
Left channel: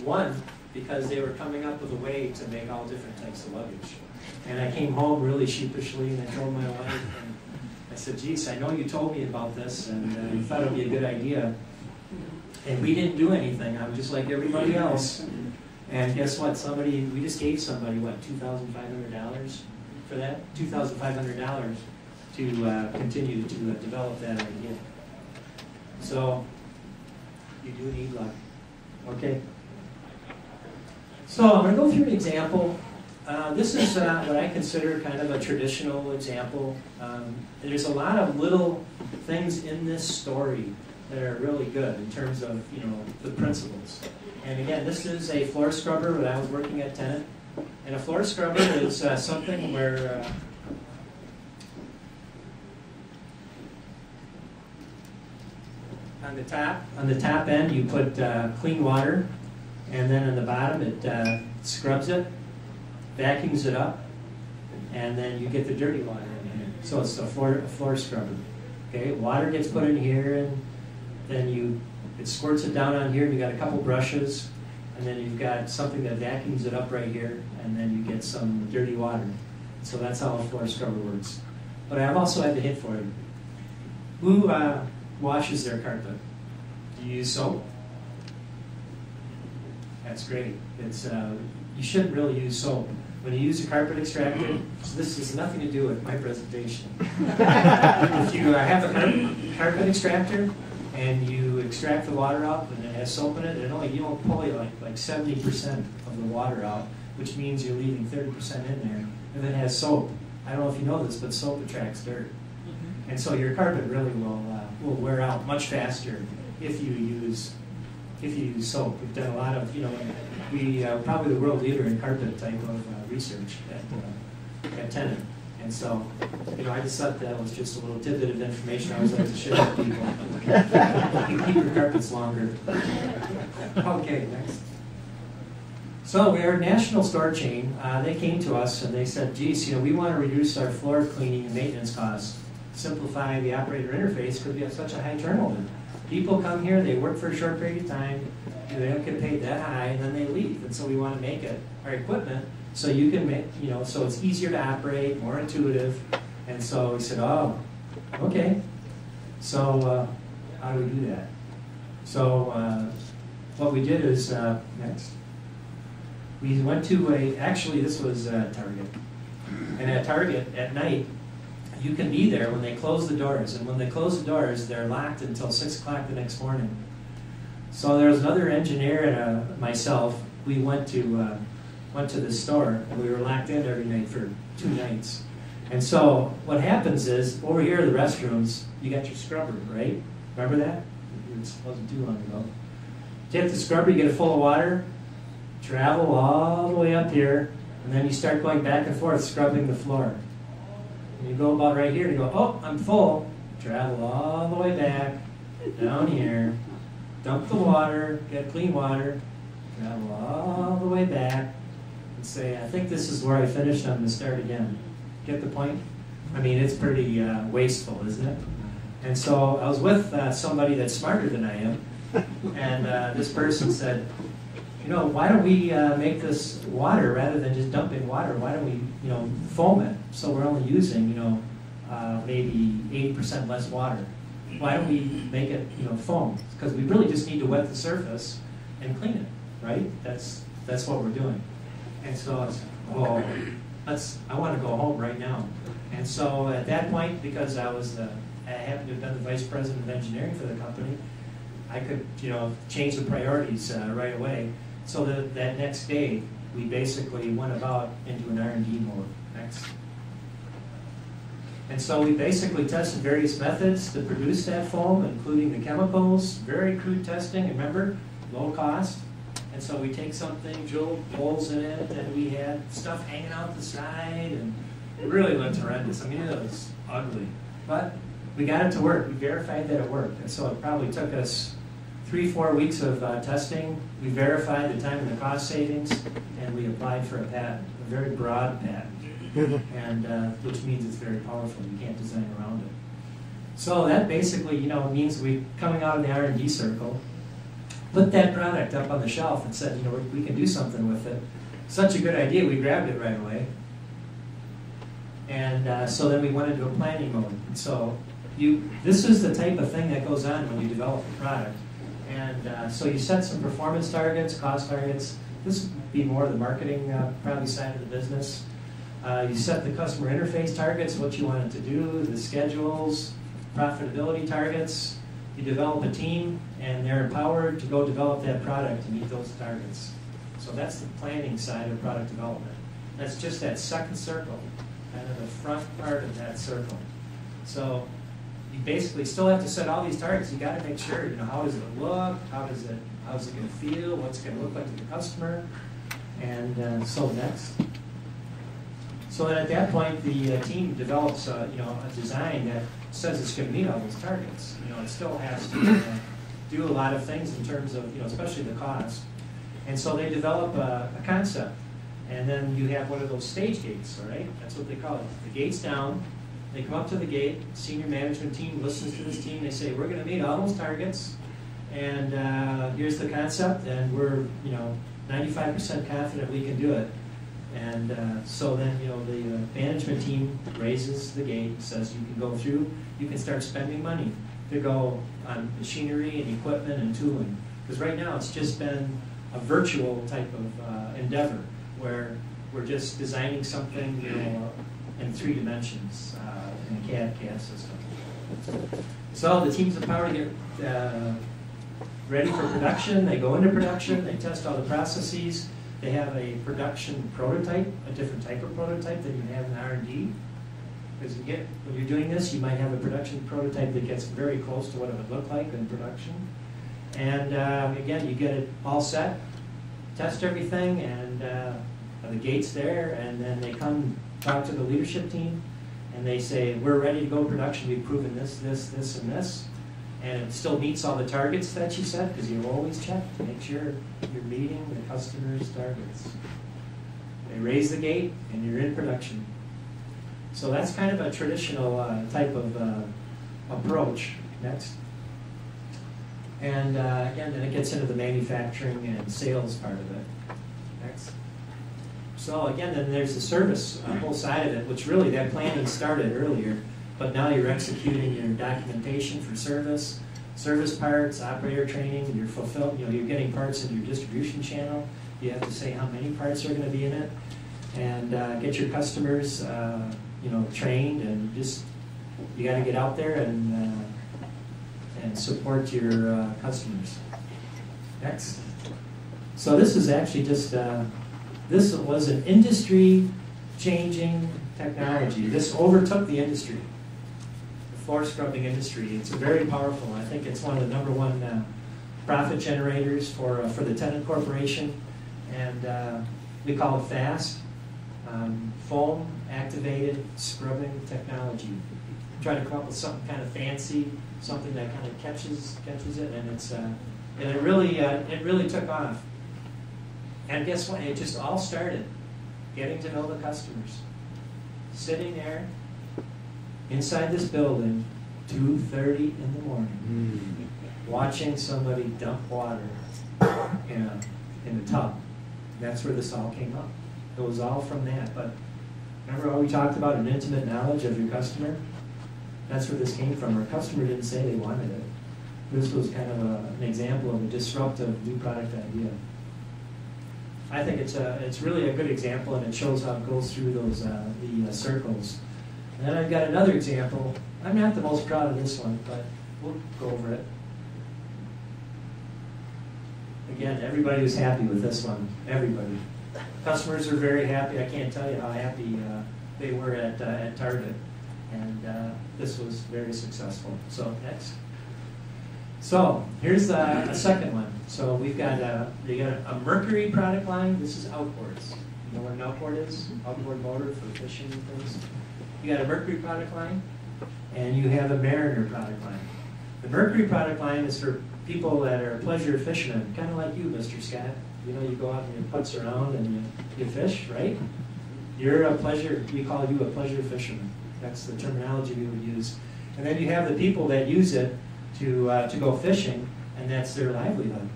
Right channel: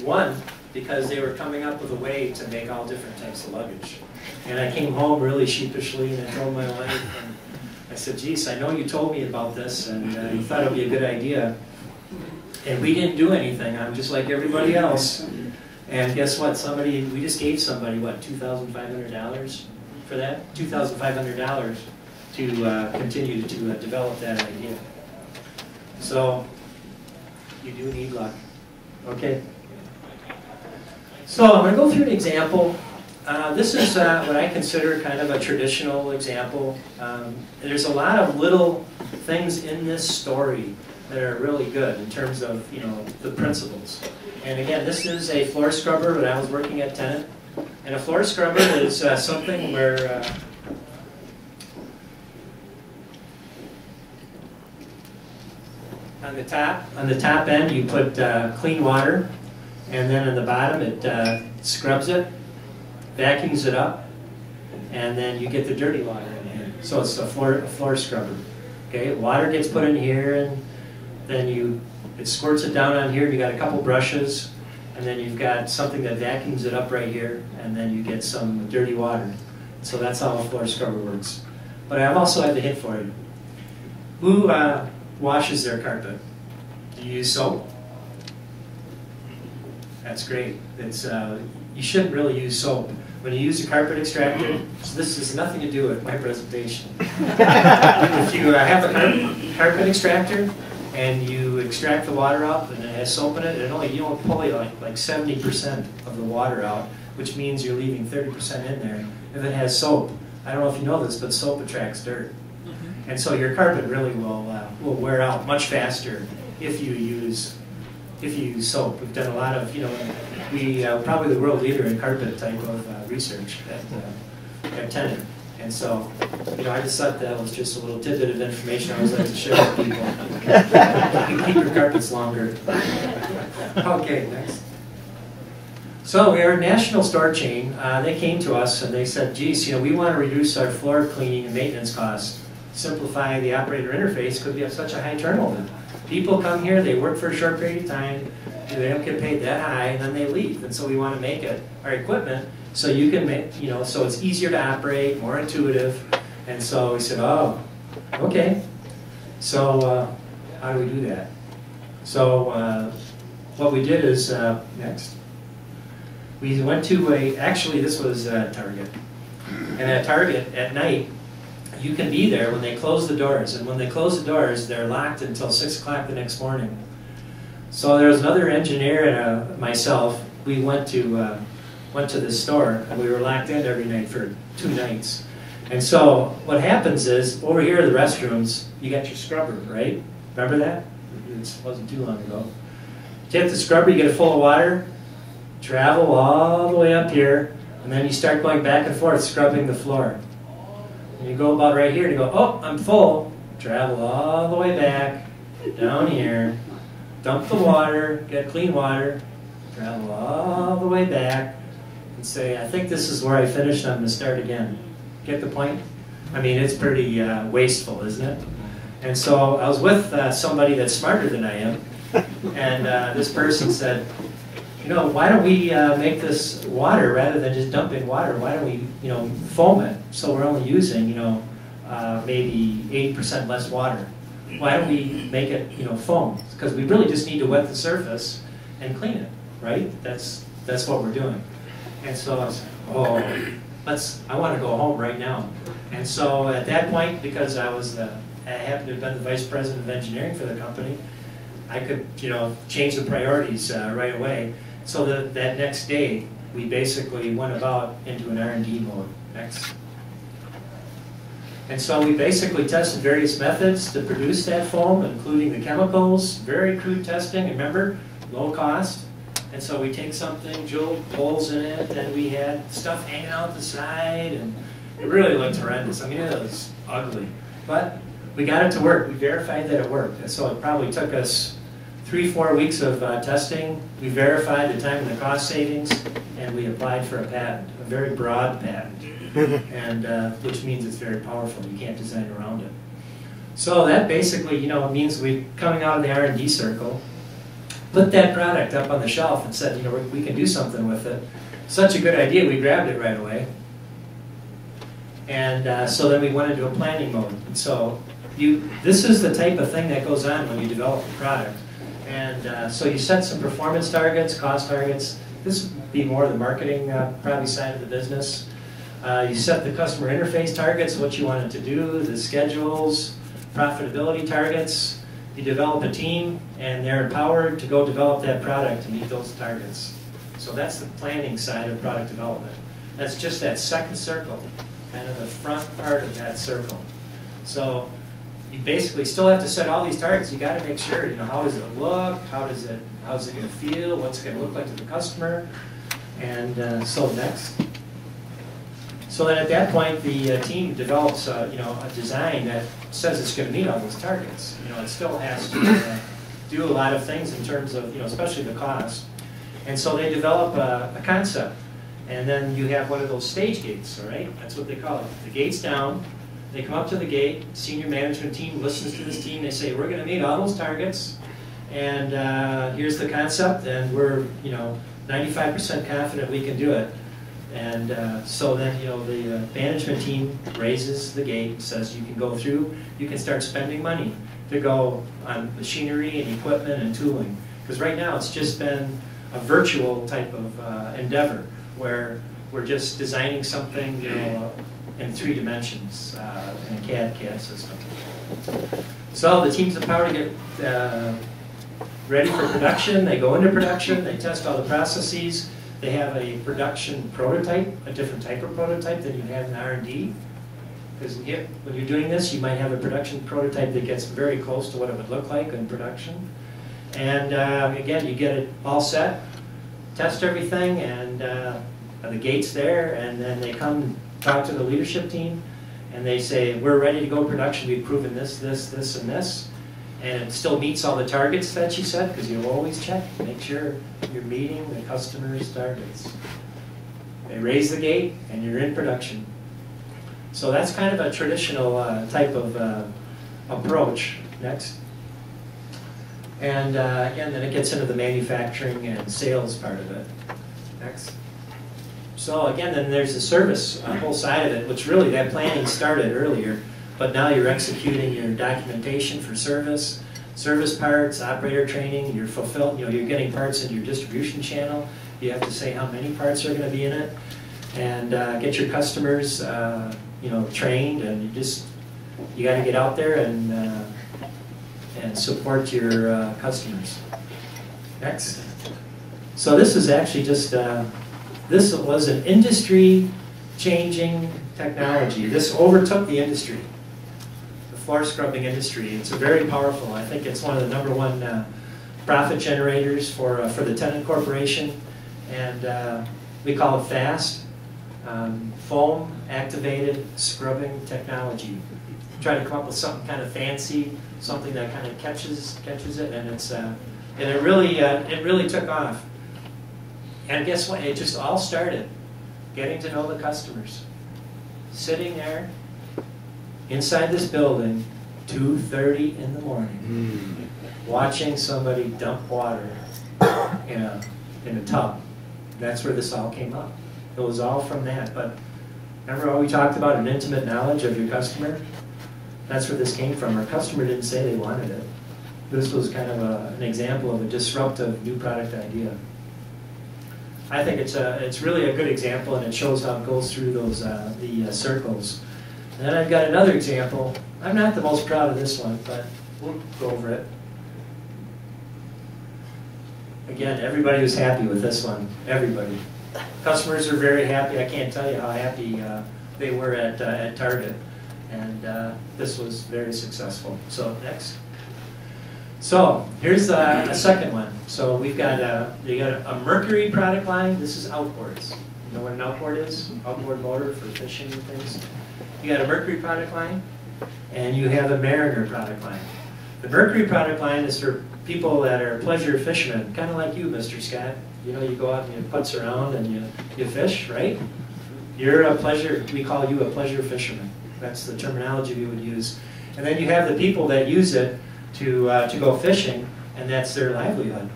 won because they were coming up with a way to make all different types of luggage. And I came home really sheepishly, and I told my wife, and I said, geez, I know you told me about this, and you thought it would be a good idea, And we didn't do anything. I'm just like everybody else. And guess what? We just gave somebody, what, $2,500 for that? $2,500 to continue to develop that idea. So, you do need luck. Okay. So I'm going to go through an example. This is what I consider kind of a traditional example. There's a lot of little things in this story that are really good in terms of, the principles. And again, this is a floor scrubber when I was working at Tennant. And a floor scrubber is something where on the top end you put clean water, and then on the bottom it scrubs it, vacuums it up, and then you get the dirty water in here. So it's a floor scrubber. Okay, water gets put in here, and then it squirts it down on here. You got a couple brushes, and then you've got something that vacuums it up right here, and then you get some dirty water. So that's how a floor scrubber works. But I also have a hint for you. Who washes their carpet? Do you use soap? That's great. You shouldn't really use soap. When you use a carpet extractor, so this has nothing to do with my presentation. If you have a carpet extractor and you extract the water out and it has soap in it, you only pull like 70% of the water out, which means you're leaving 30% in there. If it has soap, I don't know if you know this, but soap attracts dirt. And so your carpet really will wear out much faster if you use soap. We've done a lot of, we probably the world leader in carpet type of research at Tennant. And so, I just thought that was just a little tidbit of information I always like to share with people. You can keep your carpets longer. Okay, next. So we are a national store chain. They came to us and they said, geez, we want to reduce our floor cleaning and maintenance costs. Simplify the operator interface because we have such a high turnover. People come here, they work for a short period of time, they don't get paid that high, and then they leave. And so we want to make our equipment so you can make, so it's easier to operate, more intuitive. And so we said, oh, okay. So how do we do that? So what we did is, next. We went to actually this was Target. And at Target at night, you can be there when they close the doors. And when they close the doors, they're locked until 6 o'clock the next morning. So there was another engineer and myself. We went to the store, and we were locked in every night for 2 nights. And so what happens is, over here at the restrooms, you got your scrubber, right? Remember that? It wasn't too long ago. You hit the scrubber, you get it full of water, travel all the way up here, and then you start going back and forth scrubbing the floor. And you go about right here, and you go, oh, I'm full. Travel all the way back, down here, dump the water, get clean water, travel all the way back, and say, I think this is where I finished, I'm going to start again. Get the point? I mean, it's pretty wasteful, isn't it? And so I was with somebody that's smarter than I am, and this person said, why don't we make this water rather than just dumping water? Why don't we, foam it so we're only using, maybe 80% less water? Why don't we make it, foam? Because we really just need to wet the surface and clean it, right? That's what we're doing. And so I was I want to go home right now. And so at that point, because I happened to have been the vice president of engineering for the company, I could, change the priorities right away. So that next day, we basically went about into an R&D mode. Next. And so we basically tested various methods to produce that foam, including the chemicals, very crude testing, remember, low cost. And so we take something, drilled holes in it, and we had stuff hanging out the side, and it really looked horrendous. I mean, it was ugly. But we got it to work. We verified that it worked. And so it probably took us 3-4 weeks of testing. We verified the time and the cost savings, and we applied for a patent, a very broad patent, and which means it's very powerful. You can't design around it. So that basically, means we coming out of the R&D circle, put that product up on the shelf and said, we can do something with it. Such a good idea, we grabbed it right away. And so then we went into a planning mode. And so this is the type of thing that goes on when you develop a product. And so you set some performance targets, cost targets. This would be more the marketing probably side of the business. You set the customer interface targets, what you want it to do, the schedules, profitability targets. You develop a team, and they're empowered to go develop that product to meet those targets. So that's the planning side of product development. That's just that second circle, kind of the front part of that circle. So you basically still have to set all these targets. You got to make sure, how does it look? How's it going to feel? What's it going to look like to the customer? And so next. So then at that point, the team develops, a design that says it's going to meet all those targets. It still has to do a lot of things in terms of, especially the cost. And so they develop a concept. And then you have one of those stage gates, all right? That's what they call it. The gate's down. They come up to the gate. Senior management team listens to this team. They say, we're going to meet all those targets. And here's the concept. And we're, 95% confident we can do it. And so then, the management team raises the gate, says you can go through, you can start spending money to go on machinery and equipment and tooling. Because right now it's just been a virtual type of endeavor where we're just designing something, in 3 dimensions in a CAD system. So the team's empowered to get ready for production. They go into production, they test all the processes. They have a production prototype, a different type of prototype than you have in R&D. Because when you're doing this, you might have a production prototype that gets very close to what it would look like in production. And again, you get it all set, test everything, and the gate's there, and then they come talk to the leadership team, and they say, we're ready to go production. We've proven this, this, this, and this. And it still meets all the targets that you set, because you always check to make sure you're meeting the customer's targets. They raise the gate, and you're in production. So that's kind of a traditional type of approach. Next. And again, then it gets into the manufacturing and sales part of it. Next. So again, then there's the service whole side of it, which really that planning started earlier. But now you're executing your documentation for service parts, operator training, you're you're getting parts in your distribution channel. You have to say how many parts are going to be in it, and get your customers, trained, and you got to get out there and support your customers. Next. So this is actually just this was an industry-changing technology. This overtook the industry. Floor scrubbing industry. It's very powerful. I think it's one of the #1 profit generators for the Tennant Corporation, and we call it FAST, foam activated scrubbing technology. Try to come up with something kind of fancy, something that kind of catches it, and it really took off. And guess what? It just all started getting to know the customers, sitting there inside this building, 2:30 in the morning, watching somebody dump water in a tub. That's where this all came up. It was all from that. But remember how we talked about an intimate knowledge of your customer? That's where this came from. Our customer didn't say they wanted it. This was kind of an example of a disruptive new product idea. I think it's really a good example, and it shows how it goes through those the circles. And then I've got another example. I'm not the most proud of this one, but we'll go over it. Again, everybody was happy with this one. Everybody. Customers are very happy. I can't tell you how happy they were at Target. And this was very successful. So next. So here's a second one. So we've got you got a Mercury product line. This is outboards. You know what an outboard is? Outboard motor for fishing and things. You got a Mercury product line, and you have a Mariner product line. The Mercury product line is for people that are pleasure fishermen, kind of like you, Mr. Scott. You go out and you putz around and you fish, right? You're a pleasure, we call you a pleasure fisherman. That's the terminology we would use. And then you have the people that use it to go fishing, and that's their livelihood.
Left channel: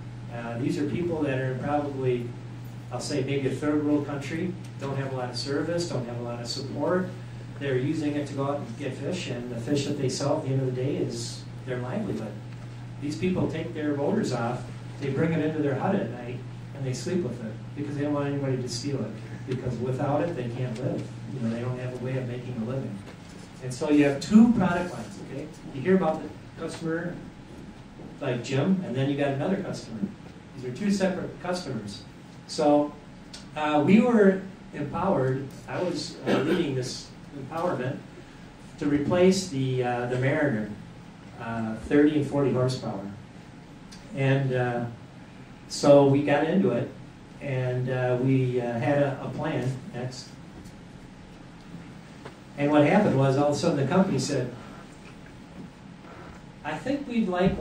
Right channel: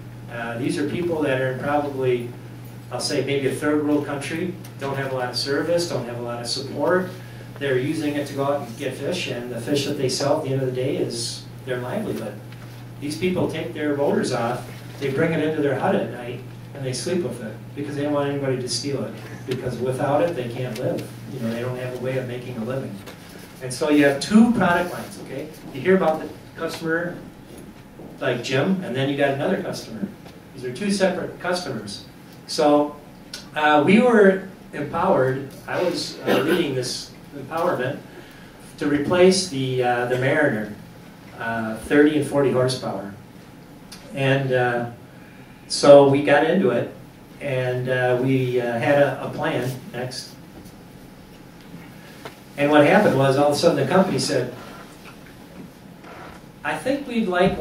These are people that are probably, I'll say maybe a third world country, don't have a lot of service, don't have a lot of support. They're using it to go out and get fish, and the fish that they sell at the end of the day is their livelihood. These people take their motors off, they bring it into their hut at night, and they sleep with it because they don't want anybody to steal it. Because without it, they can't live. You know, they don't have a way of making a living. And so you have two product lines, okay? You hear about the customer like Jim, and then you got another customer. These are two separate customers. So we were empowered, I was leading this empowerment to replace the Mariner, 30 and 40 horsepower. And so we got into it, and we had a plan next. And what happened was, all of a sudden the company said, I think we'd like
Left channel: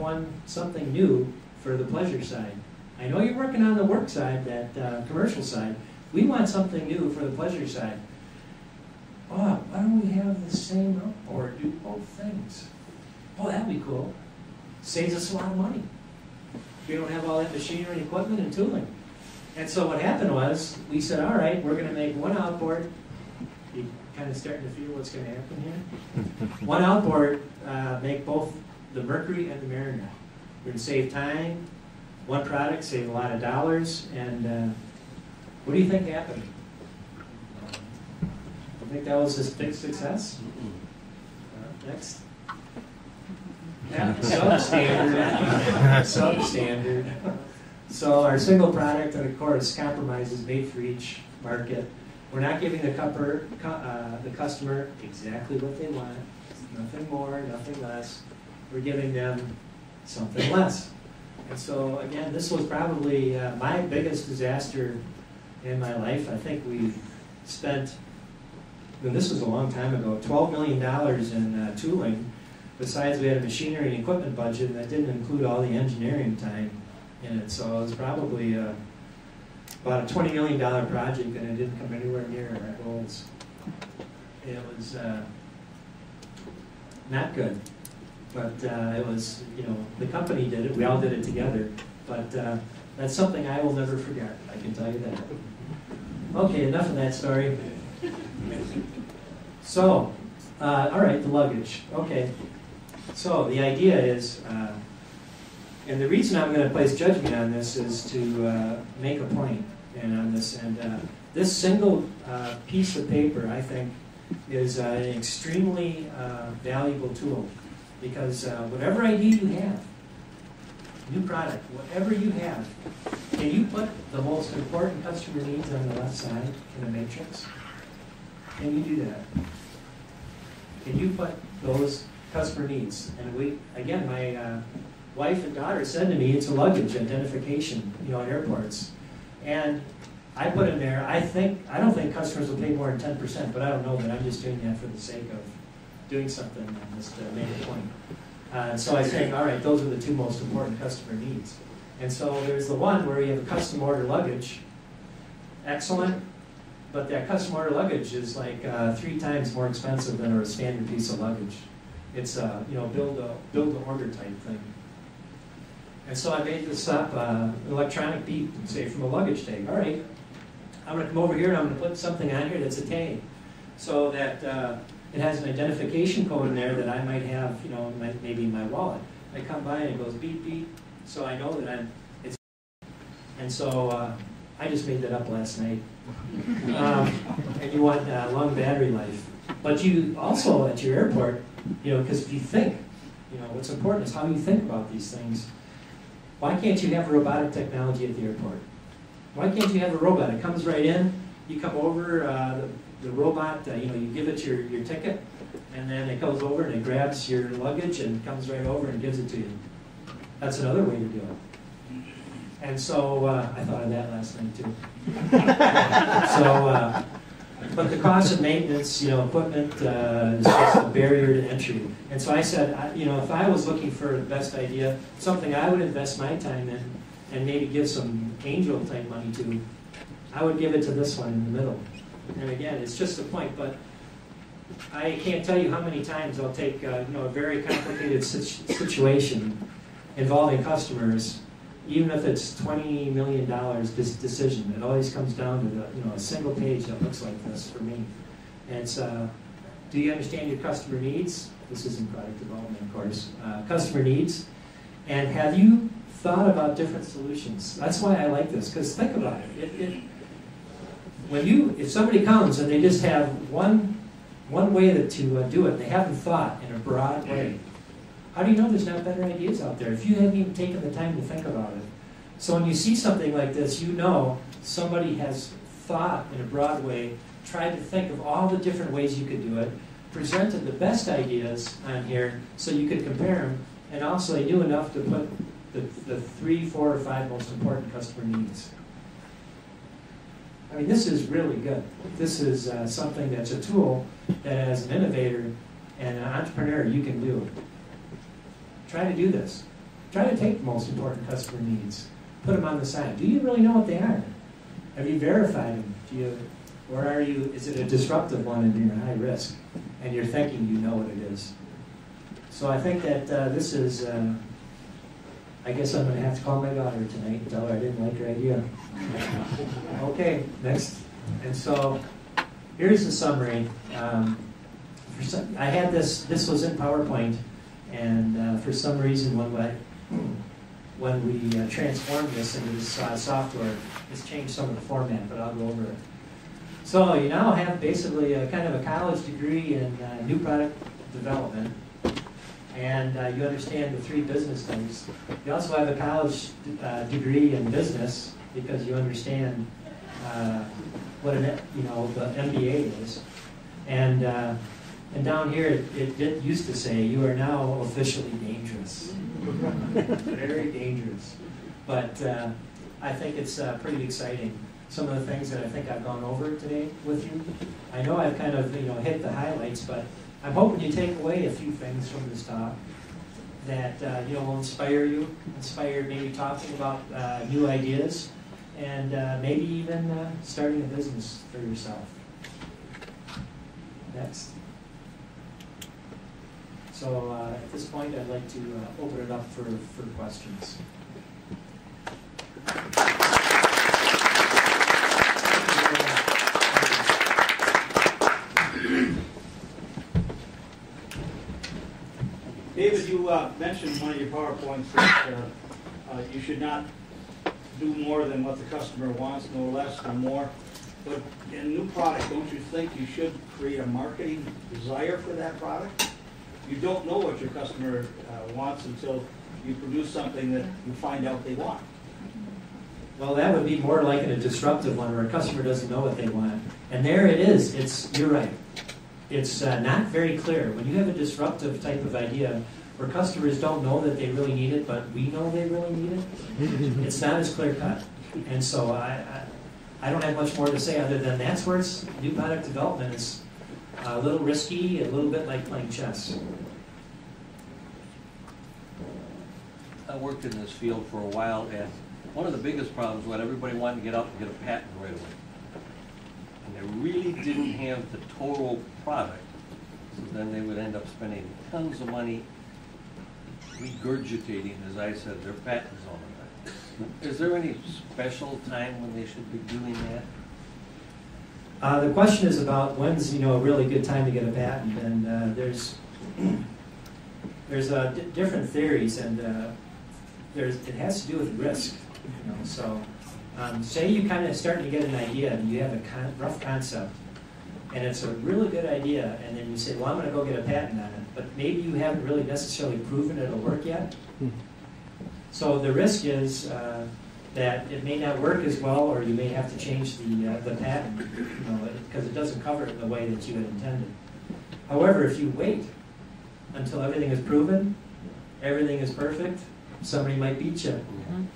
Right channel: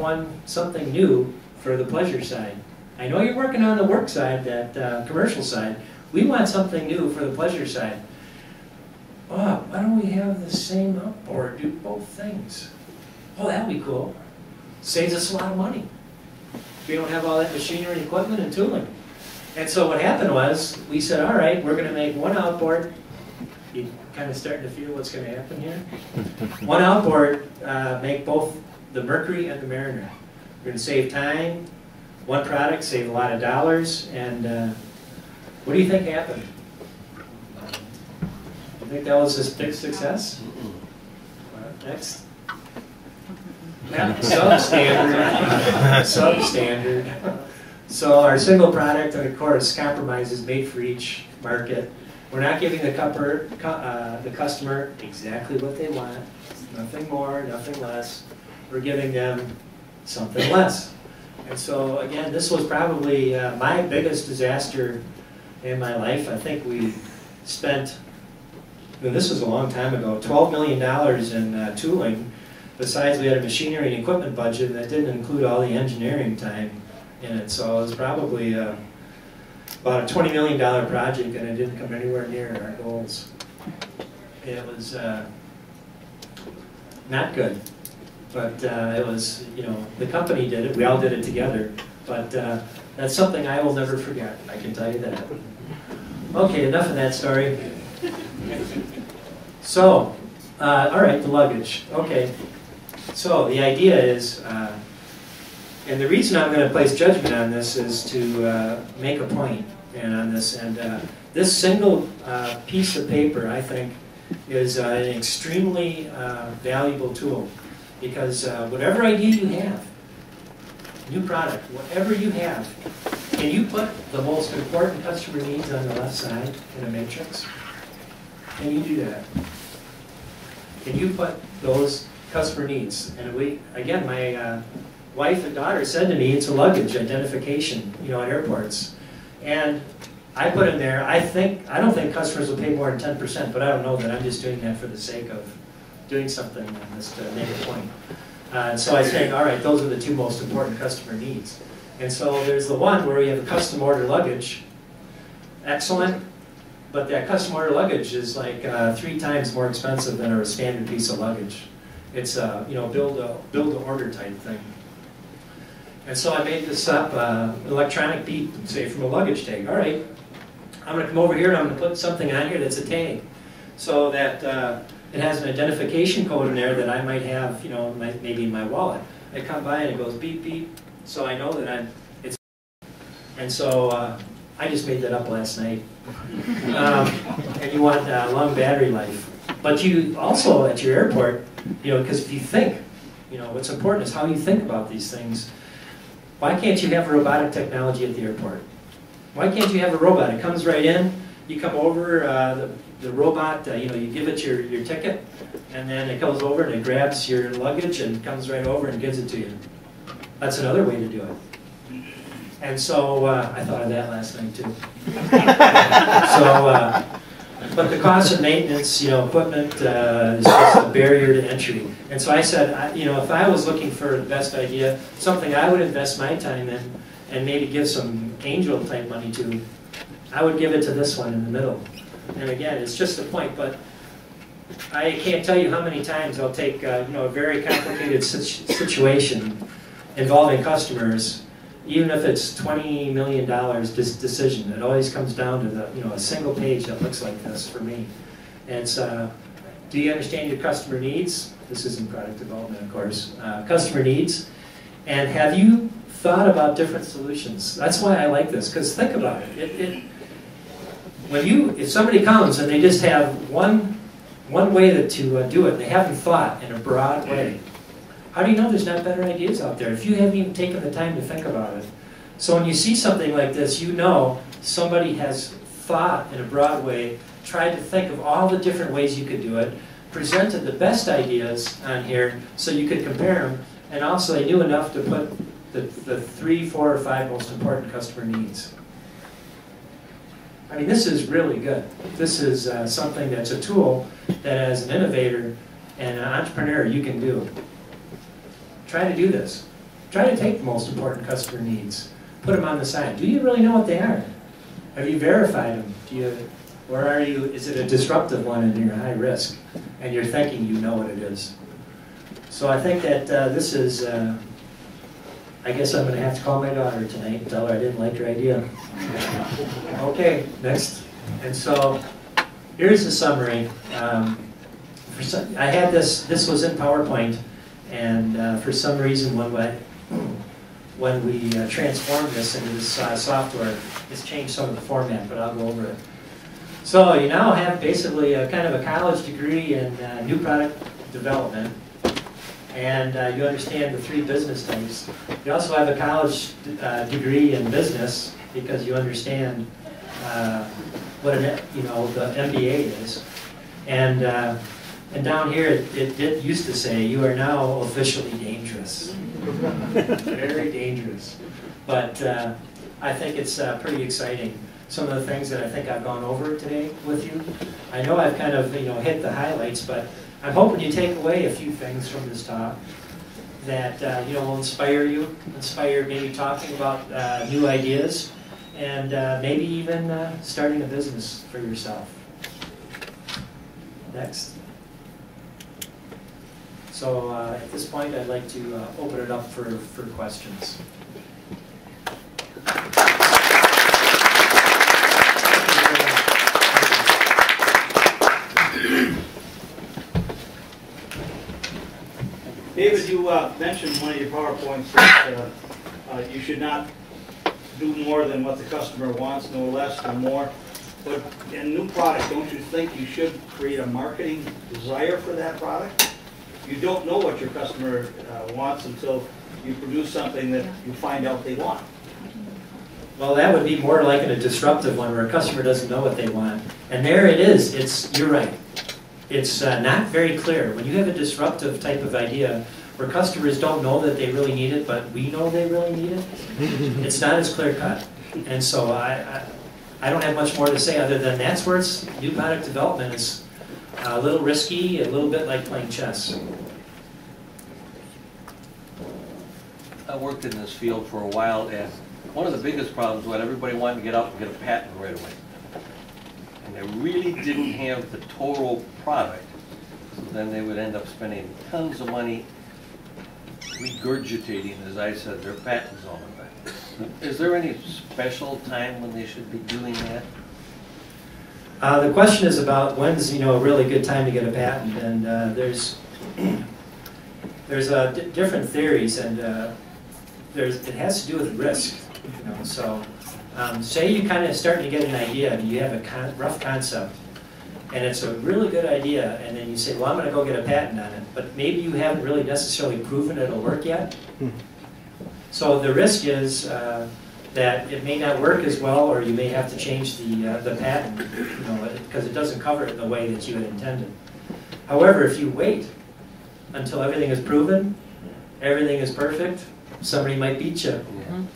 something new for the pleasure side. I know you're working on the work side, that commercial side. We want something new for the pleasure side. Oh, why don't we have the same outboard, do both things? Oh, that'd be cool. Saves us a lot of money. We don't have all that machinery and equipment and tooling. And so what happened was, we said, all right, we're going to make one outboard. You kind of starting to feel what's going to happen here? One outboard, make both the Mercury and the Mariner. We're going to save time. One product, save a lot of dollars. And what do you think happened? You think that was a big success? Next. Yeah, substandard. Substandard. So our single product, and of course, compromises made for each market. We're not giving the customer exactly what they want. Nothing more, nothing less. We're giving them something less. And so again, this was probably my biggest disaster in my life. I think we spent, this was a long time ago, $12 million in tooling. Besides, we had a machinery and equipment budget that didn't include all the engineering time in it. So it was probably about a $20 million project, and it didn't come anywhere near our goals. It was not good, but it was, you know, the company did it. We all did it together. But that's something I will never forget. I can tell you that. Okay, enough of that story. So, all right, the luggage. Okay. So the idea is, and the reason I'm going to place judgment on this is to make a point on this. And this single piece of paper, I think, is an extremely valuable tool. Because whatever idea you have, new product, whatever you have, can you put the most important customer needs on the left side in a matrix? Can you do that? Can you put those customer needs? And again, my wife and daughter said to me, it's a luggage identification, you know, at airports. And I put in there, I don't think customers will pay more than 10%, but I don't know that. I'm just doing that for the sake of doing something on this to make a point. And so I say, all right, those are the two most important customer needs. And so there's the one where we have a custom order luggage. Excellent. But that custom order luggage is like 3 times more expensive than a standard piece of luggage. It's a build to order type thing. And so I made this up, an electronic beep, say from a luggage tag. All right, I'm going to come over here and I'm going to put something on here that's a tag, so that it has an identification code in there that I might have, you know, maybe in my wallet. I come by and it goes beep beep, so I know that it's. And so I just made that up last night. And you want long battery life, but you also at your airport, you know, because if you think, you know, what's important is how you think about these things. Why can't you have robotic technology at the airport? Why can't you have a robot? It comes right in, you come over, the robot, you know, you give it your ticket, and then it comes over and it grabs your luggage and comes right over and gives it to you. That's another way to do it. And so I thought of that last night too. So, but the cost of maintenance, you know, equipment is just a barrier to entry. And so I said, you know, if I was looking for the best idea, something I would invest my time in and maybe give some angel type money to, I would give it to this one in the middle. And again, it's just a point, but I can't tell you how many times I'll take you know, a very complicated situation involving customers, even if it's $20 million decision. It always comes down to a single page that looks like this for me. And it's, do you understand your customer needs? This isn't product development, of course. Customer needs. And have you thought about different solutions? That's why I like this, because think about it. If somebody comes and they just have one way to do it, and they haven't thought in a broad way, how do you know there's not better ideas out there if you haven't even taken the time to think about it? So when you see something like this, you know somebody has thought in a broad way, tried to think of all the different ways you could do it, presented the best ideas on here so you could compare them, and also they knew enough to put the 3, 4, or 5 most important customer needs. I mean, this is really good. This is something that's a tool that as an innovator and an entrepreneur you can do. Try to do this. Try to take the most important customer needs, put them on the side. Do you really know what they are? Have you verified them? Or are you, is it a disruptive one and you're high risk and you're thinking you know what it is? So I think that this is, I guess I'm going to have to call my daughter tonight and tell her I didn't like her idea. Okay, next. And so here's the summary. I had this was in PowerPoint, and for some reason when we transformed this into this software, it's changed some of the format, but I'll go over it. So you now have basically a kind of a college degree in new product development, and you understand the 3 business types. You also have a college degree in business because you understand what the MBA is, and down here it used to say you are now officially dangerous, very dangerous. But I think it's pretty exciting. Some of the things that I think I've gone over today with you. I know I've kind of hit the highlights, but I'm hoping you take away a few things from this talk that will inspire you, maybe talking about new ideas, and maybe even starting a business for yourself. Next. So at this point, I'd like to open it up for questions. David, you mentioned in one of your PowerPoints that you should not do more than what the customer wants, no less than more. But in a new product, don't you think you should create a marketing desire for that product? You don't know what your customer wants until you produce something that you find out they want. Well, that would be more like in a disruptive one where a customer doesn't know what they want. And there it is. You're right. It's not very clear. When you have a disruptive type of idea where customers don't know that they really need it, but we know they really need it, it's not as clear cut. And so I don't have much more to say other than that's where new product development is a little risky, a little bit like playing chess. I worked in this field for a while, and one of the biggest problems was everybody wanted to get out and get a patent right away. And they really didn't have the total product. So then they would end up spending tons of money regurgitating, as I said, their patents on the back. Is there any special time when they should be doing that? The question is about when's a really good time to get a patent, and there's different theories, and it has to do with risk. So say you kind of starting to get an idea and you have a rough concept, and it's a really good idea, and then you say, well, I'm going to go get a patent on it, but maybe you haven't really necessarily proven it'll work yet. So the risk is that it may not work as well, or you may have to change the patent, because it doesn't cover it in the way that you had intended. However, if you wait until everything is proven, everything is perfect, somebody might beat you.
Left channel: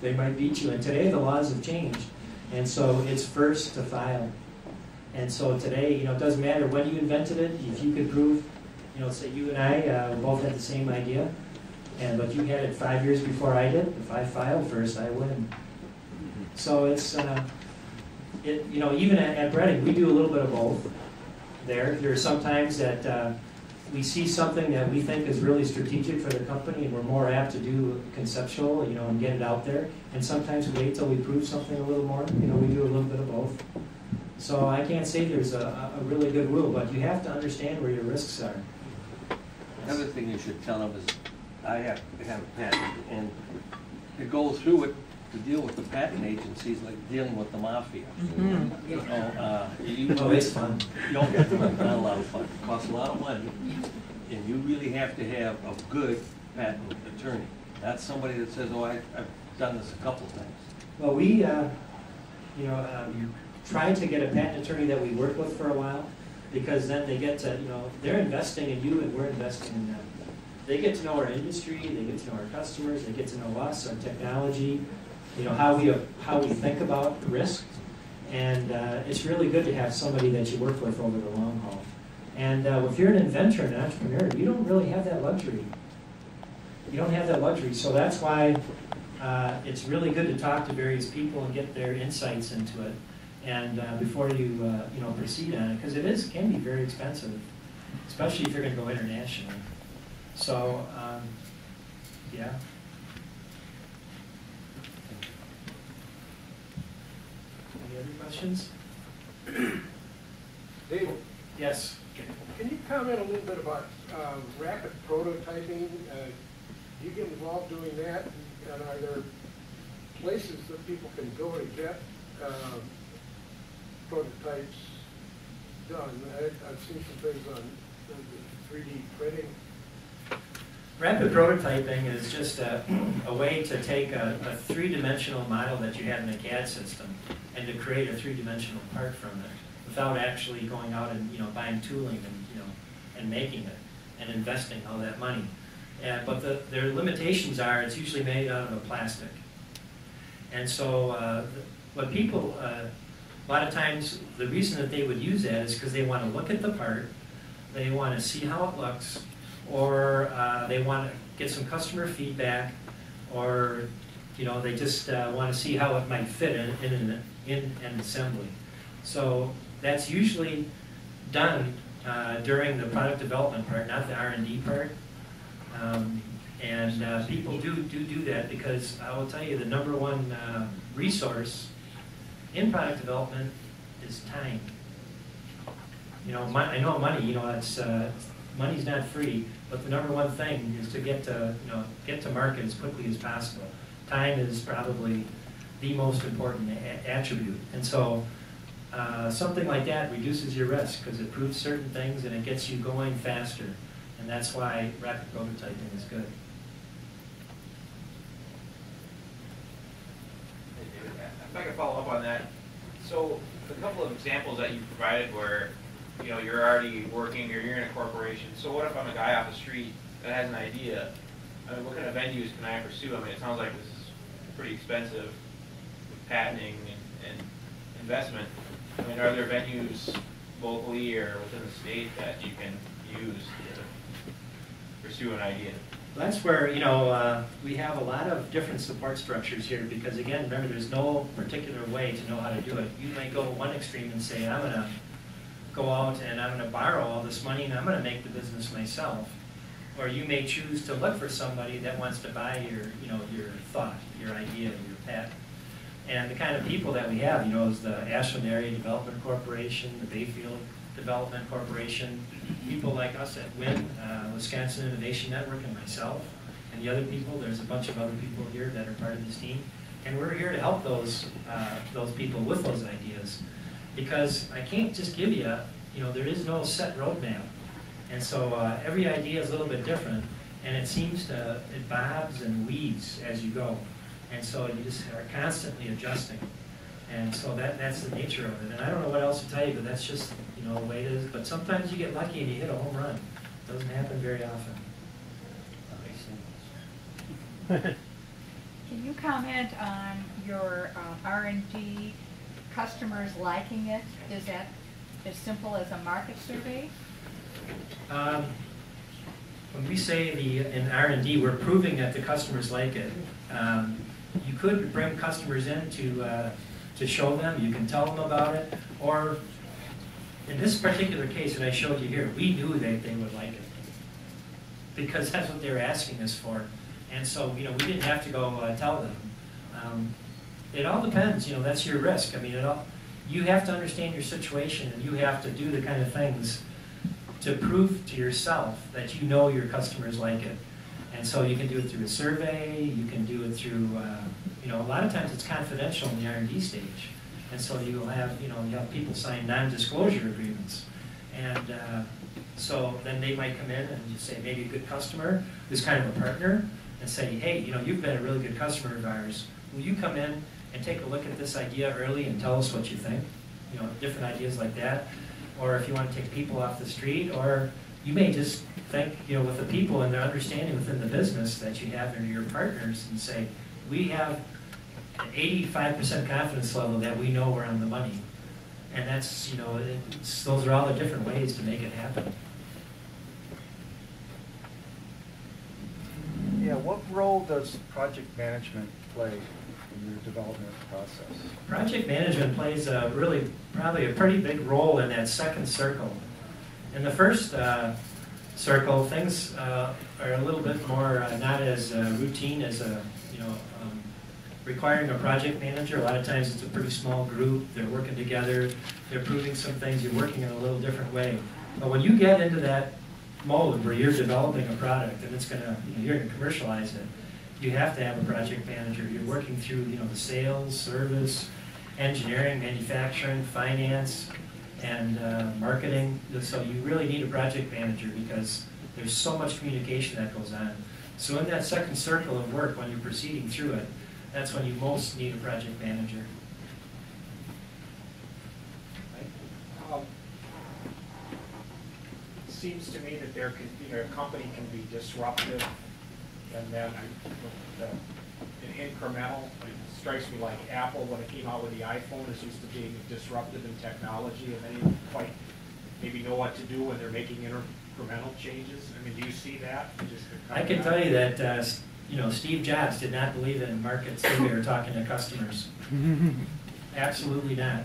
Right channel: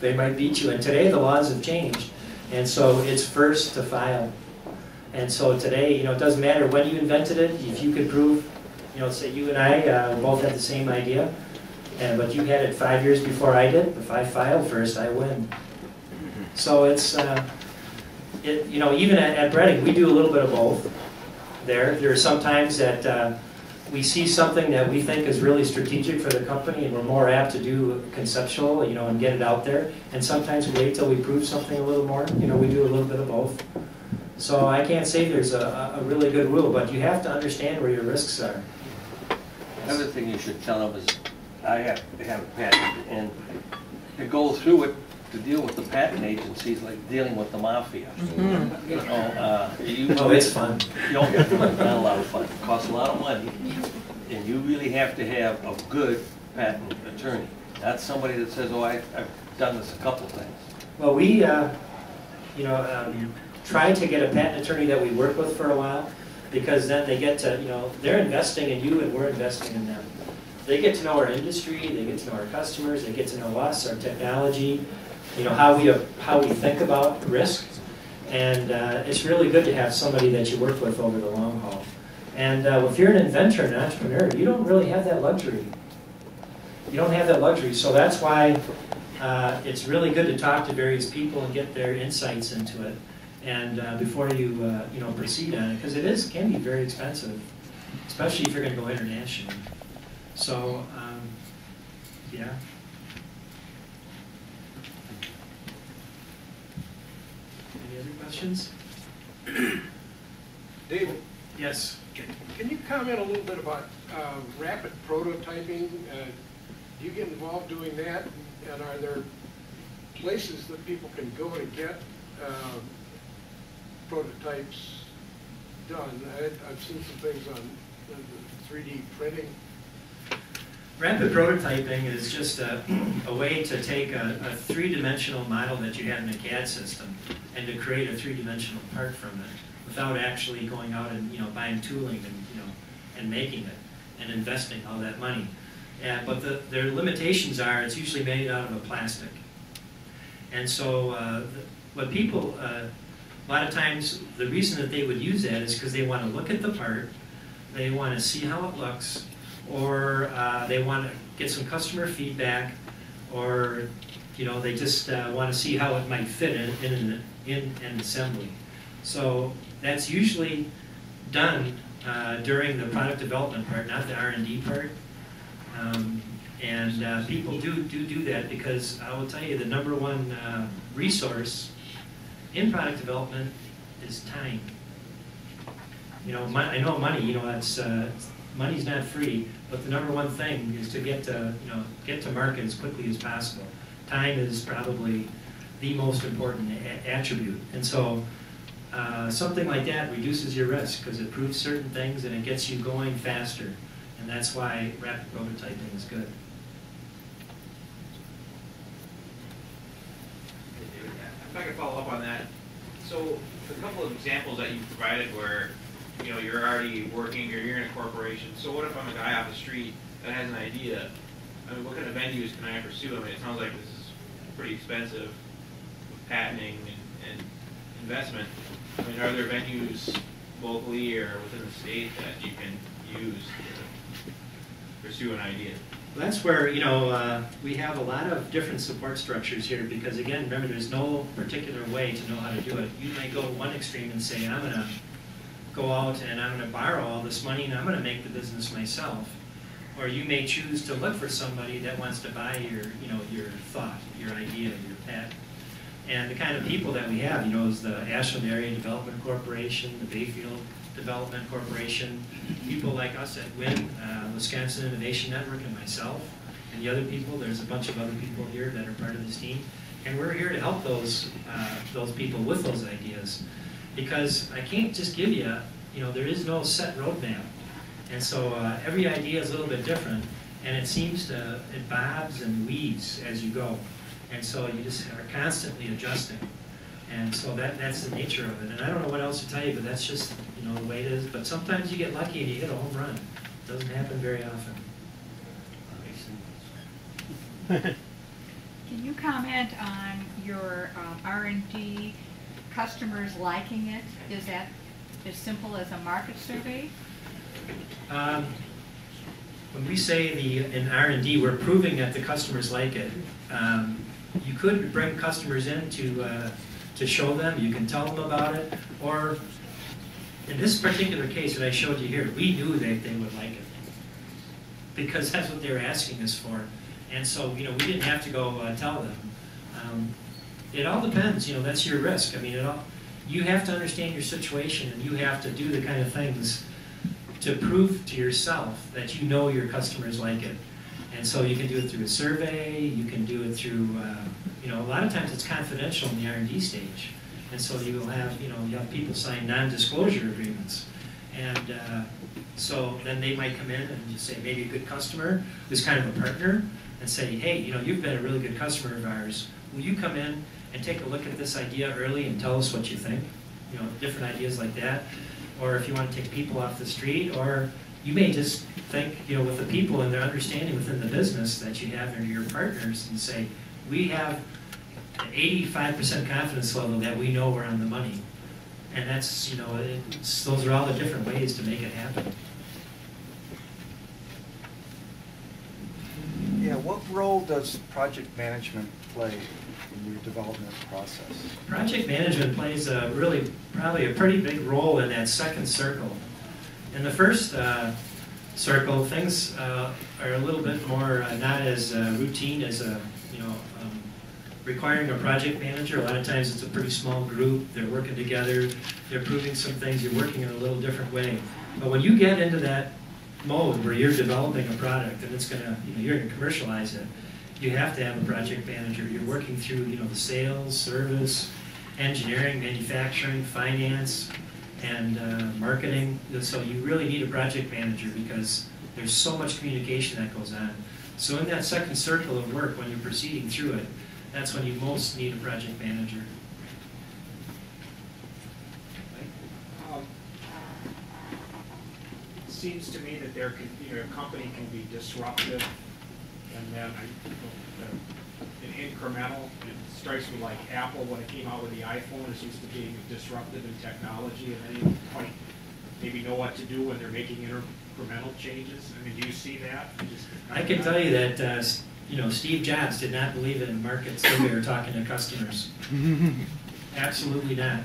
They might beat you. And today the laws have changed, and so it's first to file. And so today, it doesn't matter when you invented it. If you could prove, say you and I both had the same idea, but you had it 5 years before I did. If I filed first, I win. So it's, even at Breading, we do a little bit of both. There are some times that we see something that we think is really strategic for the company, and we're more apt to do conceptual, and get it out there. And sometimes we wait till we prove something a little more. We do a little bit of both. So I can't say there's a really good rule, but you have to understand where your risks are. Another thing you should tell them is I have a patent, and to go through it, to deal with the patent agencies, like dealing with the mafia. You know, Oh, it's fun. You don't get not a lot of fun. It costs a lot of money, and you really have to have a good patent attorney. Not somebody that says, "Oh, I've done this a couple times." Well, we, tried to get a patent attorney that we worked with for a while, because then they get to, they're investing in you and we're investing in them. They get to know our industry, they get to know our customers, they get to know us, our technology, how we think about risk. And it's really good to have somebody that you work with over the long haul. And if you're an inventor and an entrepreneur, you don't really have that luxury. You don't have that luxury. So that's why it's really good to talk to various people and get their insights into it. And before you proceed on it, because it can be very expensive, especially if you're going to go international. So yeah. Any other questions? Dave, Yes. can you comment a little bit about rapid prototyping? Do you get involved doing that? And are there places that people can go to get prototypes done? I've seen some things on 3D printing. Rapid prototyping is just a way to take a three-dimensional model that you have in a CAD system and to create a three-dimensional part from it without actually going out and buying tooling and making it and investing all that money. But their limitations are it's usually made out of a plastic. And so what people, a lot of times the reason that they would use that is because they want to look at the part, they want to see how it looks, or they want to get some customer feedback, or they just want to see how it might fit in an assembly. So that's usually done during the product development part, not the R&D part. And people do that because I will tell you the number one resource in product development is time. I know money. Money's not free, but the number one thing is to get to market as quickly as possible. Time is probably the most important attribute, and so something like that reduces your risk because it proves certain things and it gets you going faster, and that's why rapid prototyping is good. If I could follow up on that, so a couple of examples that you provided where you're already working or you're in a corporation. So what if I'm a guy off the street that has an idea? I mean, what kind of venues can I pursue? I mean, it sounds like this is pretty expensive with patenting and investment. I mean, are there venues locally or within the state that you can use to pursue an idea? That's where, we have a lot of different support structures here because, again, remember, there's no particular way to know how to do it. You may go one extreme and say, I'm going to go out and I'm going to borrow all this money and I'm going to make the business myself. Or you may choose to look for somebody that wants to buy your thought, your idea, your patent. And the kind of people that we have, is the Ashland Area Development Corporation, the Bayfield Development Corporation, people like us at WIN, Wisconsin Innovation Network, and myself, and the other people. There's a bunch of other people here that are part of this team, and we're here to help those people with those ideas, because I can't just give you, there is no set roadmap, and so every idea is a little bit different, and it bobs and weaves as you go, and so you just are constantly adjusting, and so that's the nature of it. And I don't know what else to tell you, but that's just the way it is. But sometimes you get lucky and you hit a home run. It doesn't happen very often. Can you comment on your R&D customers liking it? Is that as simple as a market survey? When we say in R&D, we're proving that the customers like it. You could bring customers in to show them. You can tell them about it, or in this particular case that I showed you here, we knew that they would like it because that's what they were asking us for. And so, we didn't have to go tell them. It all depends, that's your risk. I mean, you have to understand your situation and you have to do the kind of things to prove to yourself that your customers like it. And so you can do it through a survey, you can do it through, a lot of times it's confidential in the R&D stage. And so you'll have, you have people sign non-disclosure agreements. And so then they might come in and just say, maybe a good customer who's kind of a partner, and say, hey, you've been a really good customer of ours. Will you come in and take a look at this idea early and tell us what you think? Different ideas like that. Or if you want to take people off the street, or you may just think, with the people and their understanding within the business that you have and your partners, and say, we have an 85% confidence level that we know we're on the money. And that's, those are all the different ways to make it happen. Yeah, what role does project management play in the development process? Project management plays probably a pretty big role in that second circle. In the first circle, things are a little bit more not as routine as requiring a project manager. A lot of times it's a pretty small group, they're working together, they're proving some things, you're working in a little different way. But when you get into that mode where you're developing a product and it's gonna, you're gonna commercialize it, you have to have a project manager. You're working through, the sales, service, engineering, manufacturing, finance, and marketing. So you really need a project manager because there's so much communication that goes on. So in that second circle of work, when you're proceeding through it, that's when you most need a project manager. It seems to me that a company can be disruptive, and then an incremental. It strikes me like Apple, when it came out with the iPhone, is used to being disruptive in technology, and they didn't quite maybe know what to do when they're making incremental changes. I mean, do you see that? I can tell you that Steve Jobs did not believe in market survey or talking to customers. Absolutely not.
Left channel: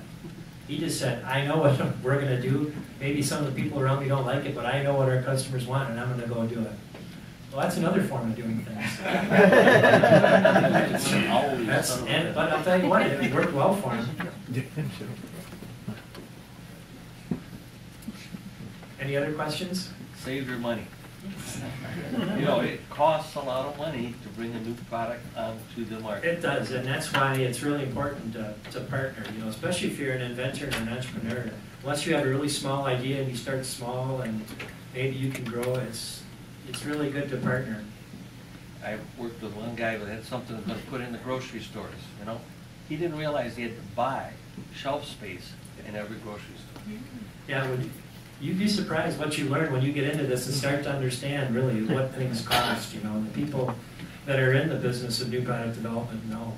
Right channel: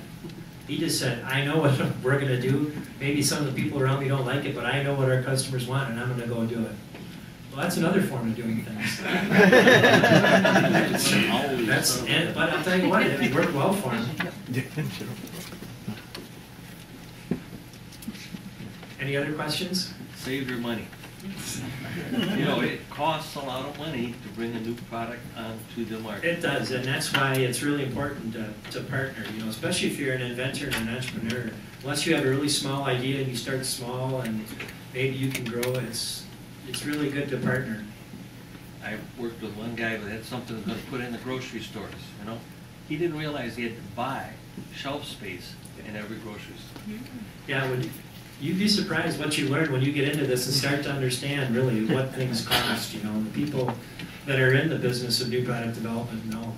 He just said, I know what we're going to do. Maybe some of the people around me don't like it, but I know what our customers want, and I'm going to go do it. Well, that's another form of doing things. But I'll tell you what, it worked well for him. Any other questions? Save your money. It costs a lot of money to bring a new product onto the market. It does, and that's why it's really important to partner, especially if you're an inventor and an entrepreneur. Unless you have a really small idea and you start small and maybe you can grow, it's really good to partner. I worked with one guy that had something that was going to put in the grocery stores, He didn't realize he had to buy shelf space in every grocery store. Yeah, you'd be surprised what you learn when you get into this and start to understand really what things cost, the people that are in the business of new product development know.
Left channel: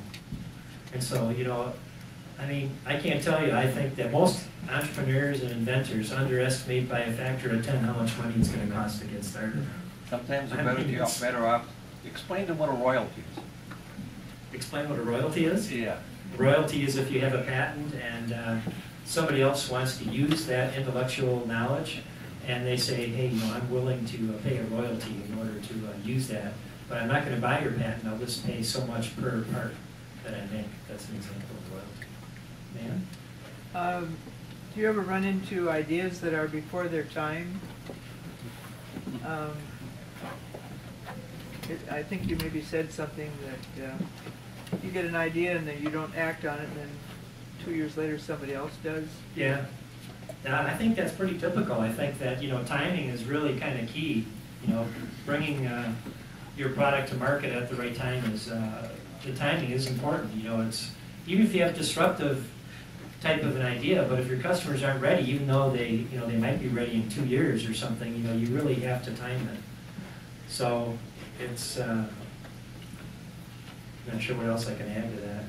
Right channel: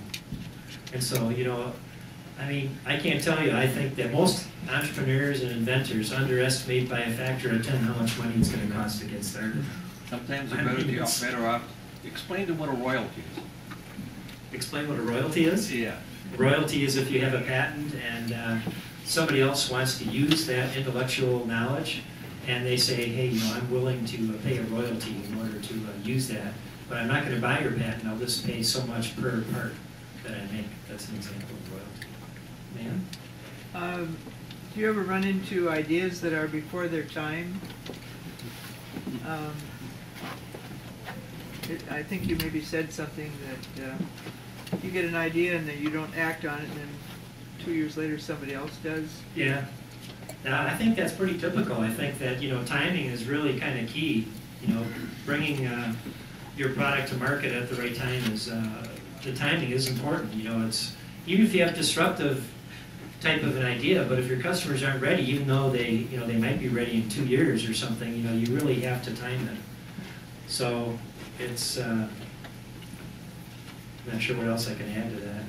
And so, I can't tell you, I think that most entrepreneurs and inventors underestimate by a factor of 10 how much money it's going to cost to get started. Sometimes they're better off. Explain to them what a royalty is. Explain what a royalty is? Yeah. Royalty is if you have a patent and somebody else wants to use that intellectual knowledge, and they say, hey, I'm willing to pay a royalty in order to use that, but I'm not going to buy your patent, I'll just pay so much per part that I make. That's an example of royalty. Man? Do you ever run into ideas that are before their time? I think you maybe said something that you get an idea and then you don't act on it, and then 2 years later somebody else does. Yeah. I think that's pretty typical. I think that, timing is really kind of key. Bringing your product to market at the right time the timing is important. It's, even if you have disruptive type of an idea, but if your customers aren't ready, even though they might be ready in 2 years or something, you really have to time it. So it's, not sure what else I can add to that.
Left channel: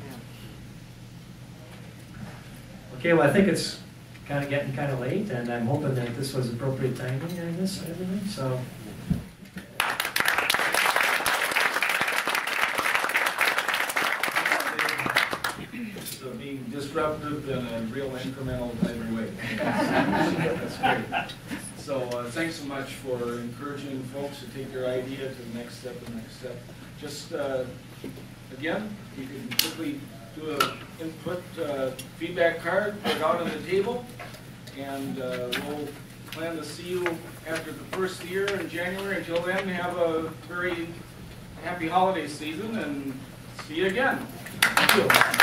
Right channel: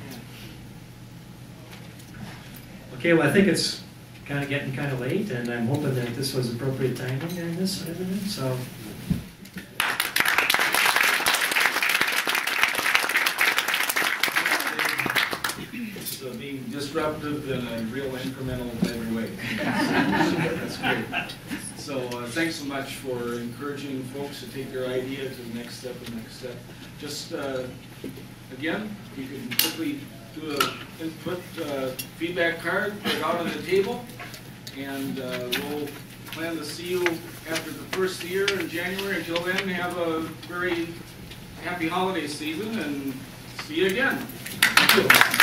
Okay, well, I think it's kind of getting kind of late, and I'm hoping that this was appropriate timing during this and everything, so. So being disruptive in a real incremental type of way. That's great. So thanks so much for encouraging folks to take their idea to the next step and next step. Just again, you can quickly do an input feedback card, put it out on the table, and we'll plan to see you after the first year in January. Until then, have a very happy holiday season, and see you again. Thank you.